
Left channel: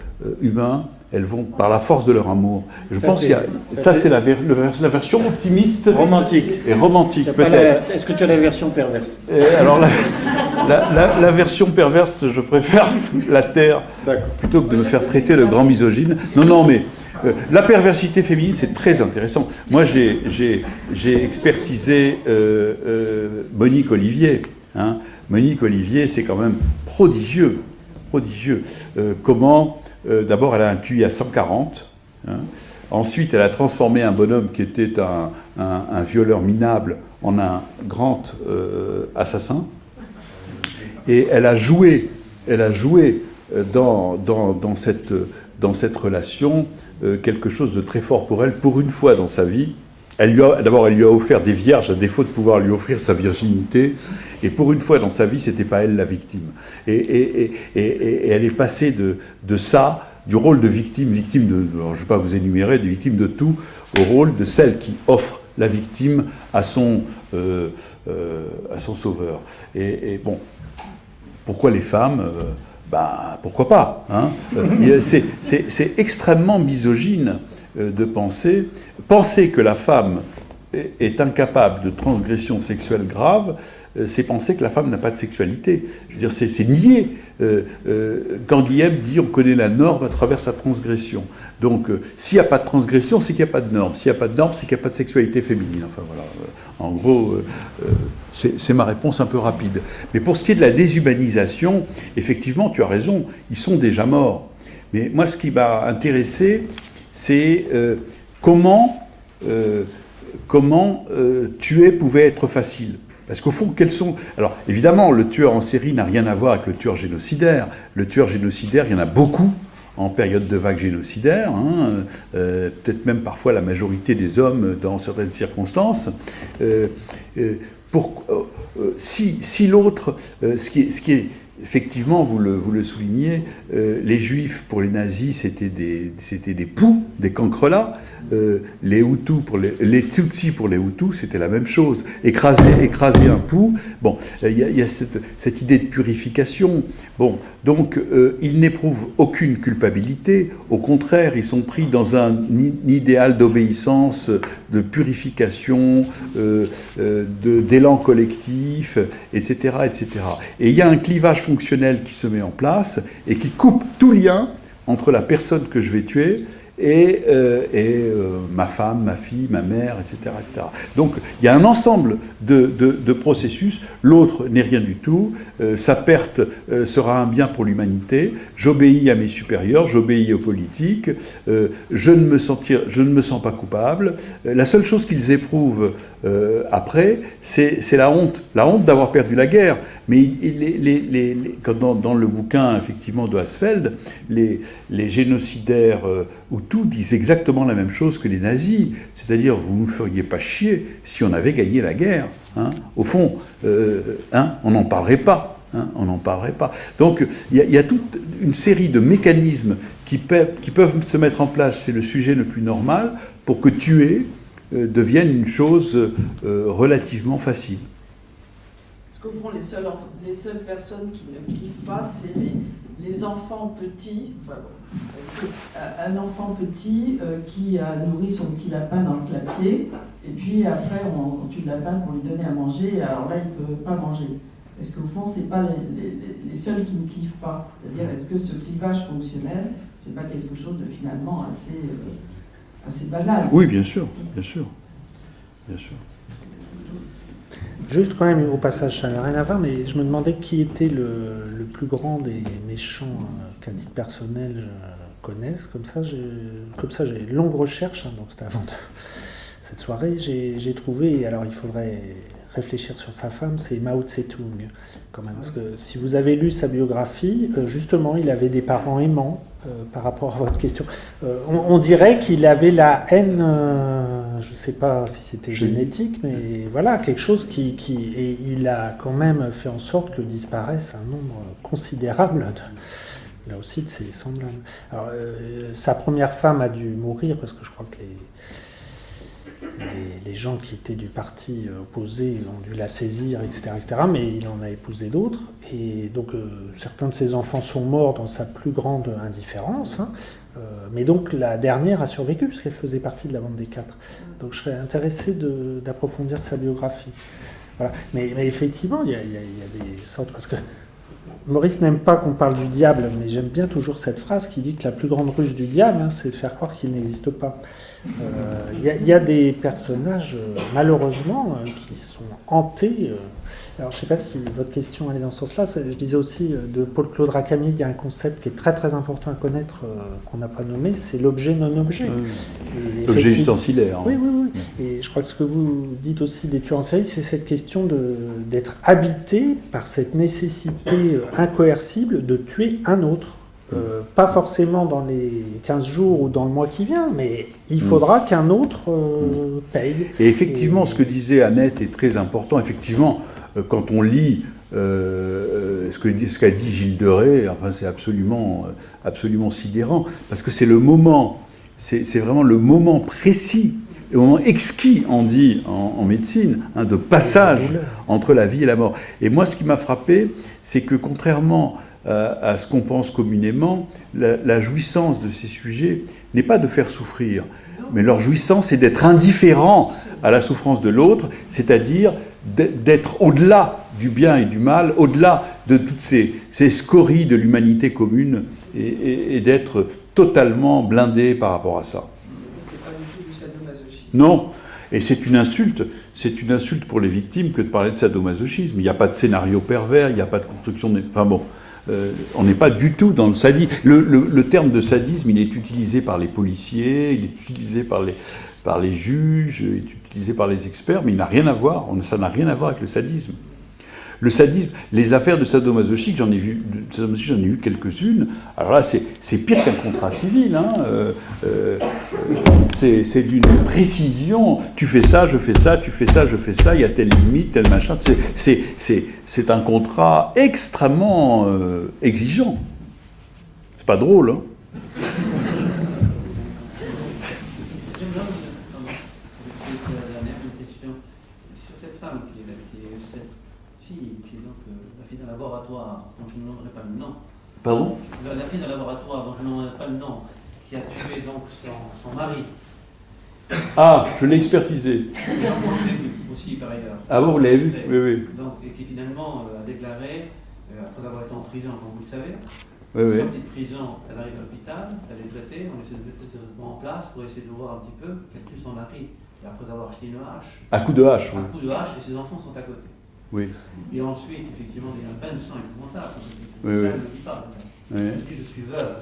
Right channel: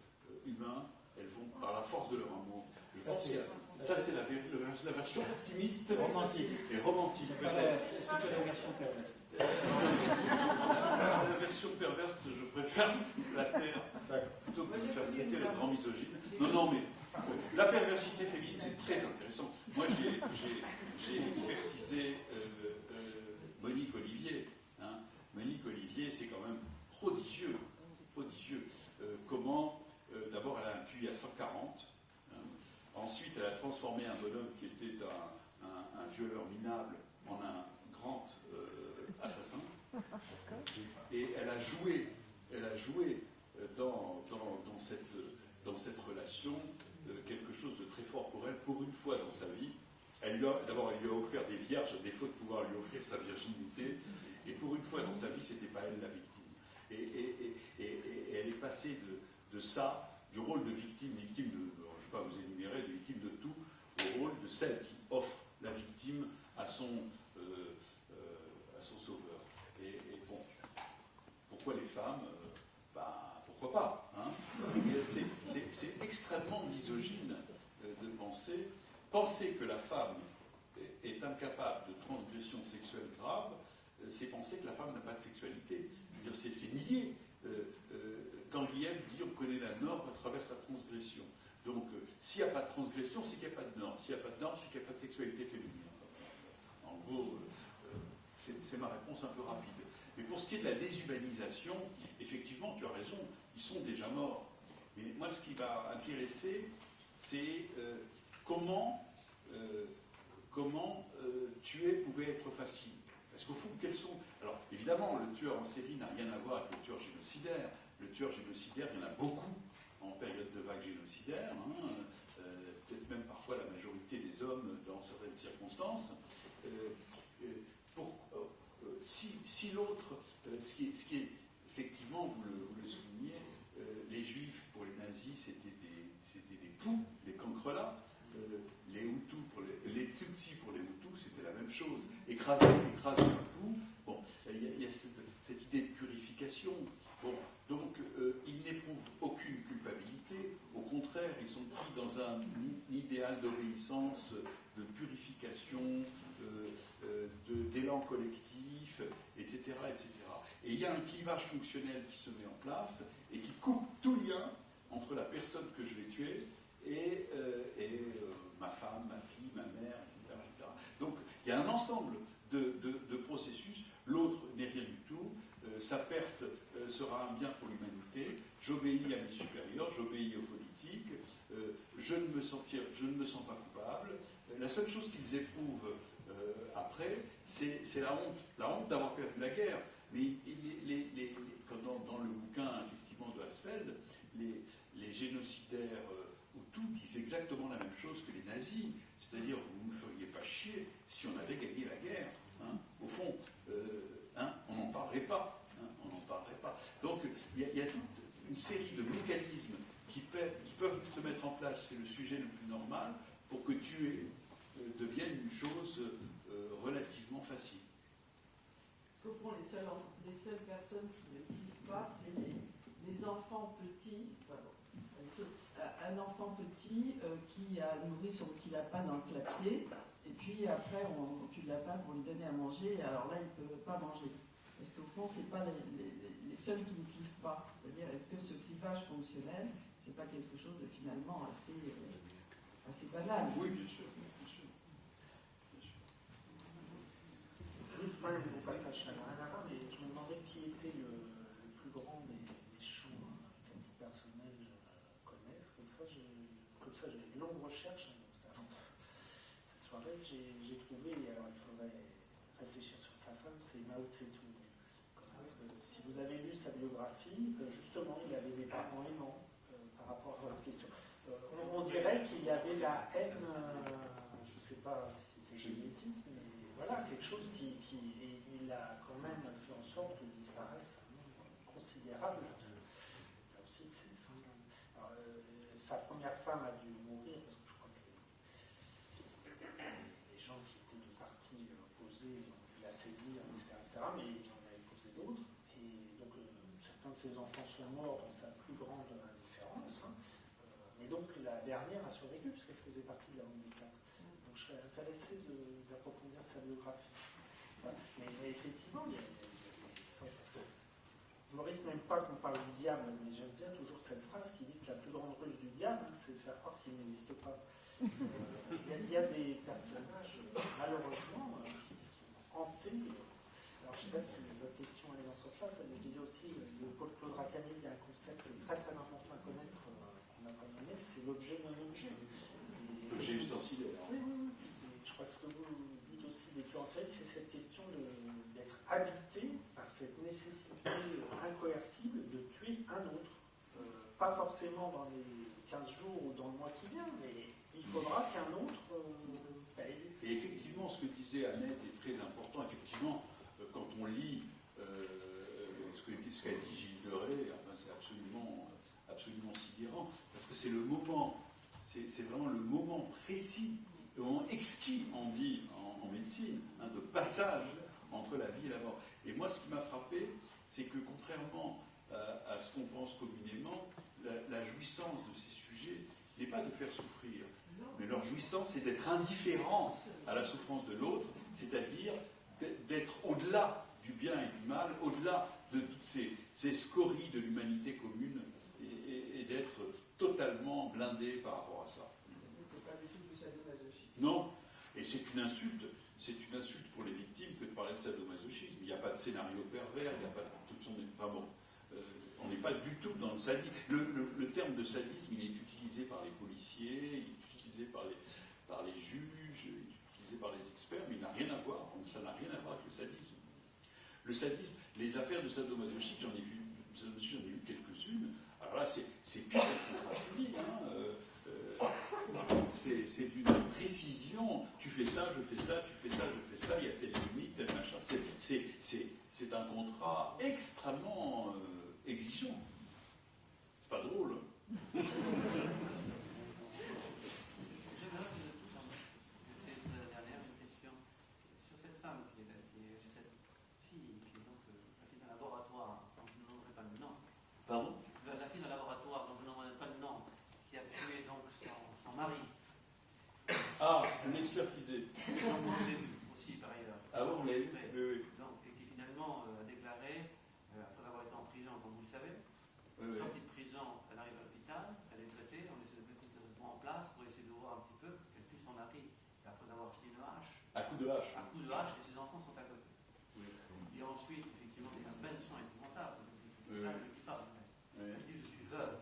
humain. Elles vont par la force de leur amour. Je pense qu'il y a ça, c'est la version optimiste romantique et romantique peut-être. Est-ce que tu as la version perverse? Alors la version perverse, je préfère la taire plutôt que de me faire traiter de grand misogyne. Non, mais la perversité féminine, c'est très intéressant. Moi, j'ai expertisé Monique Olivier. Hein. Monique Olivier, c'est quand même prodigieux. Comment, d'abord, elle a un QI à 140. Hein. Ensuite, elle a transformé un bonhomme qui était un violeur minable en un grand assassin. Et elle a joué dans cette relation quelque chose de très fort pour elle, pour une fois dans sa vie. D'abord, elle lui a offert des vierges, à défaut de pouvoir lui offrir sa virginité. Et pour une fois dans sa vie, c'était pas elle la victime. Et elle est passée de ça, du rôle de victime alors, je ne vais pas vous énumérer, des victimes de tout, au rôle de celle qui offre la victime à son sauveur. Et bon, pourquoi les femmes pourquoi pas, hein. C'est extrêmement misogyne de penser que la femme est incapable de transgression sexuelle grave, c'est penser que la femme n'a pas de sexualité. Je veux dire, c'est nier. Quand Guillaume dit on connaît la norme à travers sa transgression. Donc, s'il n'y a pas de transgression, c'est qu'il n'y a pas de norme. S'il n'y a pas de norme, c'est qu'il n'y a pas de sexualité féminine. Enfin voilà. En gros, c'est ma réponse un peu rapide. Mais pour ce qui est de la déshumanisation, effectivement, tu as raison, ils sont déjà morts. Mais moi, ce qui m'a intéressé, c'est comment tuer pouvait être facile. Parce qu'au fond, quels sont... Alors, évidemment, le tueur en série n'a rien à voir avec le tueur génocidaire. Le tueur génocidaire, il y en a beaucoup en période de vague génocidaire, hein, peut-être même parfois la majorité des hommes dans certaines circonstances. Si l'autre... ce qui est effectivement, vous le soulignez, les Juifs, pour les nazis, c'était des poux, des cancrelats. Les Hutus les Tutsis pour les Hutus, c'était la même chose. Écraser un pou. Bon, il y a cette idée de purification. Bon, donc, ils n'éprouvent aucune culpabilité. Au contraire, ils sont pris dans un idéal d'obéissance, de purification, d'élan collectif, etc., etc. Et il y a un clivage fonctionnel qui se met en place et qui coupe tout lien entre la personne que je vais tuer et ma femme, ma fille, ma mère, etc., etc. Donc il y a un ensemble de processus. L'autre n'est rien du tout. Sa perte sera un bien pour l'humanité. J'obéis à mes supérieurs, j'obéis aux politiques. Je ne me sens pas coupable. La seule chose qu'ils éprouvent après, c'est la honte d'avoir perdu la guerre. Mais dans le bouquin effectivement de Hasfeld, les génocidaires Hutus disent exactement la même chose que les nazis, c'est-à-dire vous ne nous feriez pas chier si on avait gagné la guerre. Hein. Au fond, on n'en parlerait pas. Hein, on n'en parlerait pas. Donc il y a toute une série de mécanismes qui peuvent se mettre en place, c'est le sujet le plus normal, pour que tuer devienne une chose relativement facile. Parce qu'au fond, les seules personnes qui ne kiffent pas, c'est les enfants petits. Enfin, un enfant petit qui a nourri son petit lapin dans le clapier, et puis après on tue le lapin pour lui donner à manger, et alors là il ne peut pas manger. Est-ce qu'au fond, ce n'est pas les seuls qui ne kiffent pas? C'est-à-dire, est-ce que ce clivage fonctionnel, ce n'est pas quelque chose de finalement assez banal? Oui, bien sûr, bien sûr. Bien sûr. Juste quand même, au passage, ça n'a rien à voir, mais je me demandais qui était le plus grand des méchants qu'à titre personnel je connaisse. Comme ça, j'ai une longue recherche, hein, donc c'était avant cette soirée. J'ai trouvé, alors il faudrait réfléchir sur sa femme, c'est Mao Tse-tung, quand même. Parce que si vous avez lu sa biographie, justement, il avait des parents aimants. Par rapport à votre question, on dirait qu'il avait la haine, je ne sais pas si c'était génétique, mais voilà, quelque chose et il a quand même fait en sorte que disparaisse un nombre considérable, là aussi, de ses semblables. Alors, sa première femme a dû mourir, parce que je crois que les gens qui étaient du parti opposé ont dû la saisir, etc., mais il en a épousé d'autres, et donc certains de ses enfants sont morts dans sa plus grande indifférence, hein, mais donc la dernière a survécu, puisqu'elle faisait partie de la bande des 4. Donc je serais intéressé d'approfondir sa biographie. Voilà. Mais effectivement, il y a des sortes... Parce que Maurice n'aime pas qu'on parle du diable, mais j'aime bien toujours cette phrase qui dit que la plus grande ruse du diable, hein, c'est de faire croire qu'il n'existe pas. Il y a des personnages, malheureusement, qui sont hantés. Alors, je ne sais pas si votre question allait dans ce sens-là. Je disais aussi, de Paul-Claude Racami, il y a un concept qui est très très important à connaître, qu'on n'a pas nommé, c'est l'objet non-objet. L'objet ustensilaire. Oui. Et je crois que ce que vous dites aussi des tueurs en série, c'est cette question d'être habité par cette nécessité incoercible de tuer un autre. pas forcément dans les 15 jours ou dans le mois qui vient, mais il faudra qu'un autre paye. Et effectivement, ce que disait Annette est très important. Effectivement, quand on lit ce qu'a dit Gilles de Rais, enfin, c'est absolument sidérant, parce que c'est le moment, c'est vraiment le moment précis, le moment exquis, on dit en médecine, hein, de passage entre la vie et la mort. Et moi, ce qui m'a frappé, c'est que contrairement à ce qu'on pense communément, la jouissance de ces sujets n'est pas de faire souffrir, mais leur jouissance est d'être indifférent à la souffrance de l'autre, c'est-à-dire d'être au-delà du bien et du mal, au-delà de toutes ces scories de l'humanité commune, et d'être totalement blindé par rapport à ça. C'est pas du tout du sadomasochisme. Non, et c'est une insulte pour les victimes que de parler de sadomasochisme. Il n'y a pas de scénario pervers, il n'y a pas de construction de... Enfin bon, on n'est pas du tout dans le sadisme. Le terme de sadisme, il est utilisé par les policiers, il est utilisé par les juges, il est utilisé par les experts, mais il n'a rien à voir, ça n'a rien à voir avec le sadisme. Le sadisme, les affaires de sadomasochisme, j'en ai vu quelques-unes. Alors là, c'est pire qu'un contrat civil. Hein. C'est d'une précision. Tu fais ça, je fais ça, tu fais ça, je fais ça, il y a telle limite, tel machin. C'est un contrat extrêmement exigeant. C'est pas drôle, hein. Pardon ? La fille d'un laboratoire, dont je n'en ai pas le nom, qui a tué donc son mari. Ah, je l'ai expertisé. Aussi, par ailleurs. Ah bon, vous l'avez vu ? Oui, oui. Donc, et qui finalement a déclaré, après avoir été en prison, comme vous le savez, oui. sortie de prison, elle arrive à l'hôpital, elle est traitée, on essaie de mettre le traitement en place pour essayer de voir un petit peu qu'elle tue son mari. Et après avoir acheté une hache. À coup de hache, oui. À coup de hache, et ses enfants sont à côté. Oui. Et ensuite, effectivement, il y a un bain de sang épouvantable. Oui, oui. Elle ne le dit pas. Oui. Elle dit, je suis veuve.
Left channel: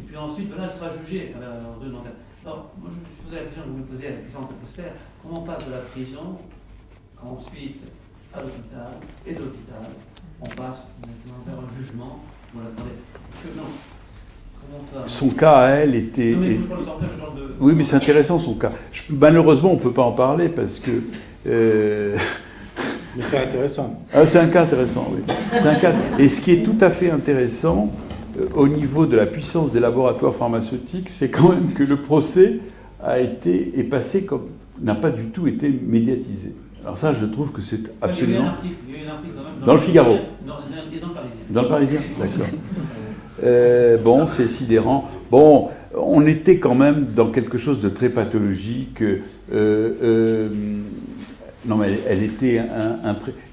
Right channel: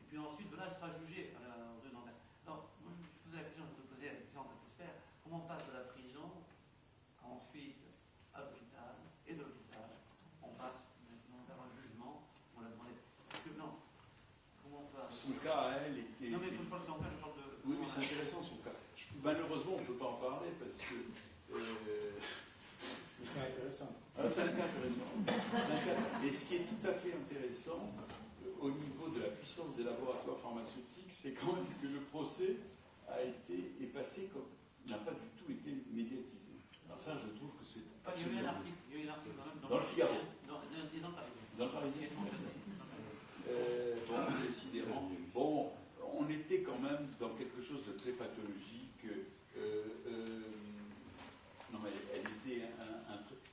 Et puis ensuite, là, elle sera jugée. Alors, moi, je me suis posé la question que vous me posez avec Alexandre Prosper, comment on passe de la prison, ensuite à l'hôpital, et de l'hôpital, on passe maintenant vers un jugement. Voilà, que non. Son cas à elle était... Non, mais je parle de... Oui, mais c'est intéressant son cas. Malheureusement, on ne peut pas en parler parce que... Mais c'est intéressant. Ah, c'est un cas intéressant, oui. C'est un cas... Et ce qui est tout à fait intéressant, au niveau de la puissance des laboratoires pharmaceutiques, c'est quand même que le procès est passé comme... n'a pas du tout été médiatisé. Alors ça, je trouve que c'est absolument... Il y a eu un article quand même dans le Figaro. Dans le Parisien. Dans le Parisien, d'accord. Bon, c'est sidérant. Bon, on était quand même dans quelque chose de très pathologique. Non, mais elle était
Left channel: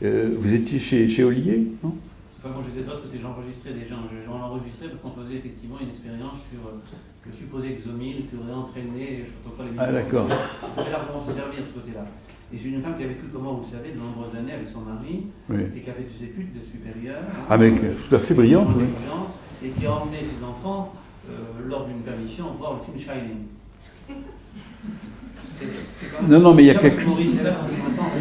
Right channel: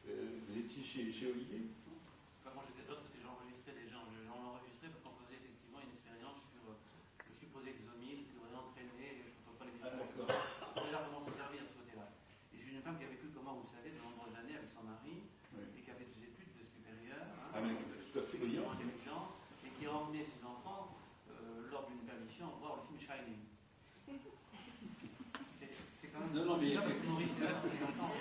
vous étiez chez Ollier, non? Enfin, moi, j'étais de l'autre côté, j'enregistrais des gens. J'en enregistrais parce qu'on faisait effectivement une expérience sur le supposé exomile qui aurait entraîné, je ne sais pas les Ah, d'accord. On peut largement se servir de ce côté-là. Et j'ai une femme qui a vécu, comment vous le savez, de nombreuses années avec son mari, oui. Et qui a fait des études supérieures. Ah, mais tout à fait brillante, oui. Et qui a emmené ses enfants, lors d'une permission, voir le film Shining. Non, mais il y a quelque chose.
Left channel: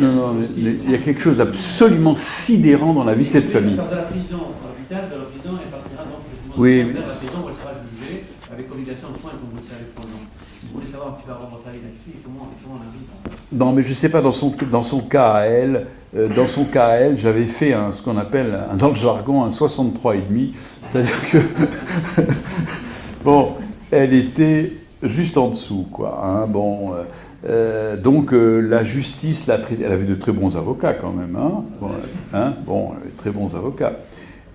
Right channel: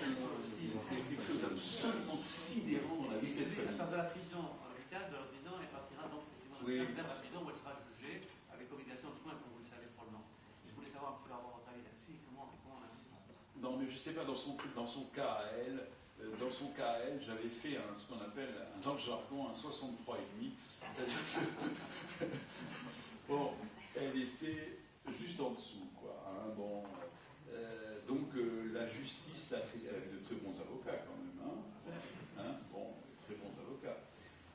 Non, mais il y a quelque chose d'absolument sidérant dans la vie de cette famille. De la prison à l'hôpital, de la prison, elle partira donc oui, de la prison où elle sera jugée avec obligation de soins, comme vous le savez, pendant. Vous voulez savoir un petit peu avant votre avis là-dessus, comment on a vu. Non, mais je ne sais pas, dans son cas à elle, j'avais fait ce qu'on appelle, dans le jargon, un 63,5. C'est-à-dire que, bon, elle était juste en dessous, quoi. Hein, bon, donc la justice l'a traitée. Elle avait de très bons avocats quand même, hein, très bons avocats.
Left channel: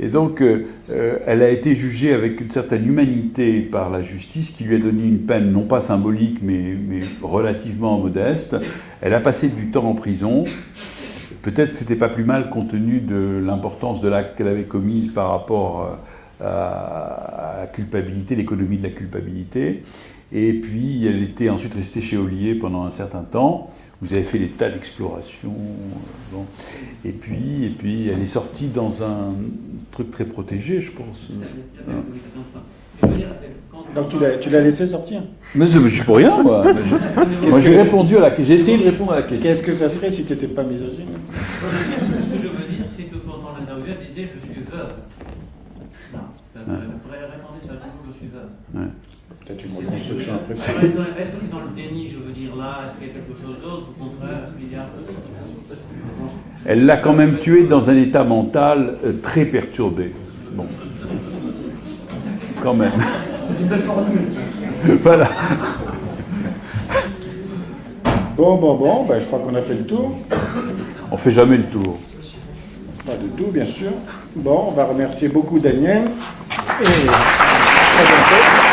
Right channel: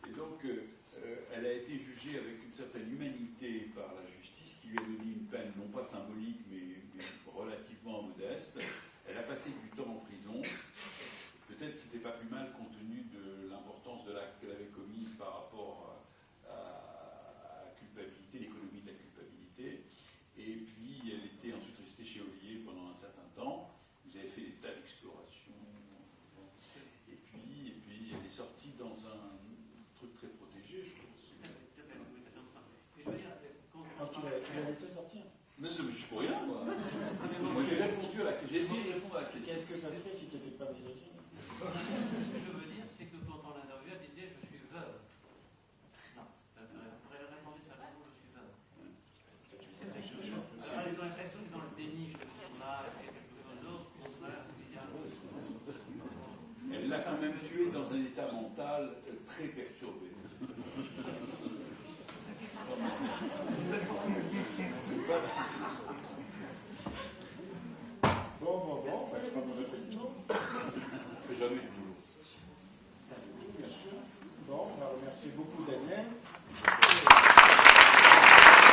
Et donc, elle a été jugée avec une certaine humanité par la justice, qui lui a donné une peine non pas symbolique, mais relativement modeste. Elle a passé du temps en prison. Peut-être que ce n'était pas plus mal compte tenu de l'importance de l'acte qu'elle avait commis par rapport à la culpabilité, l'économie de la culpabilité. Et puis, elle était ensuite restée chez Ollier pendant un certain temps. Vous avez fait des tas d'explorations. Bon. Et puis, elle est sortie dans un truc très protégé, je pense. Donc tu l'as laissé sortir? Mais je suis pour rien, moi. Moi, j'ai répondu à la question. J'ai essayé de répondre à la question. Qu'est-ce que ça serait si tu n'étais pas misogyne? Ce que je veux dire, c'est que quand on l'interviewait, elle disait « je suis veuve ». Non, Ouais. Peut-être une reconstruction après. Est-ce que c'est dans le déni, je veux dire là? Est-ce qu'il y a quelque chose d'autre? Au contraire, est-ce qu'il y a... Elle l'a quand même tué dans un état mental très perturbé. Bon. Quand même. Voilà. Bon, ben, je crois qu'on a fait le tour. On fait jamais le tour. Pas du tout, bien sûr. Bon, on va remercier beaucoup Daniel. Et à très bientôt.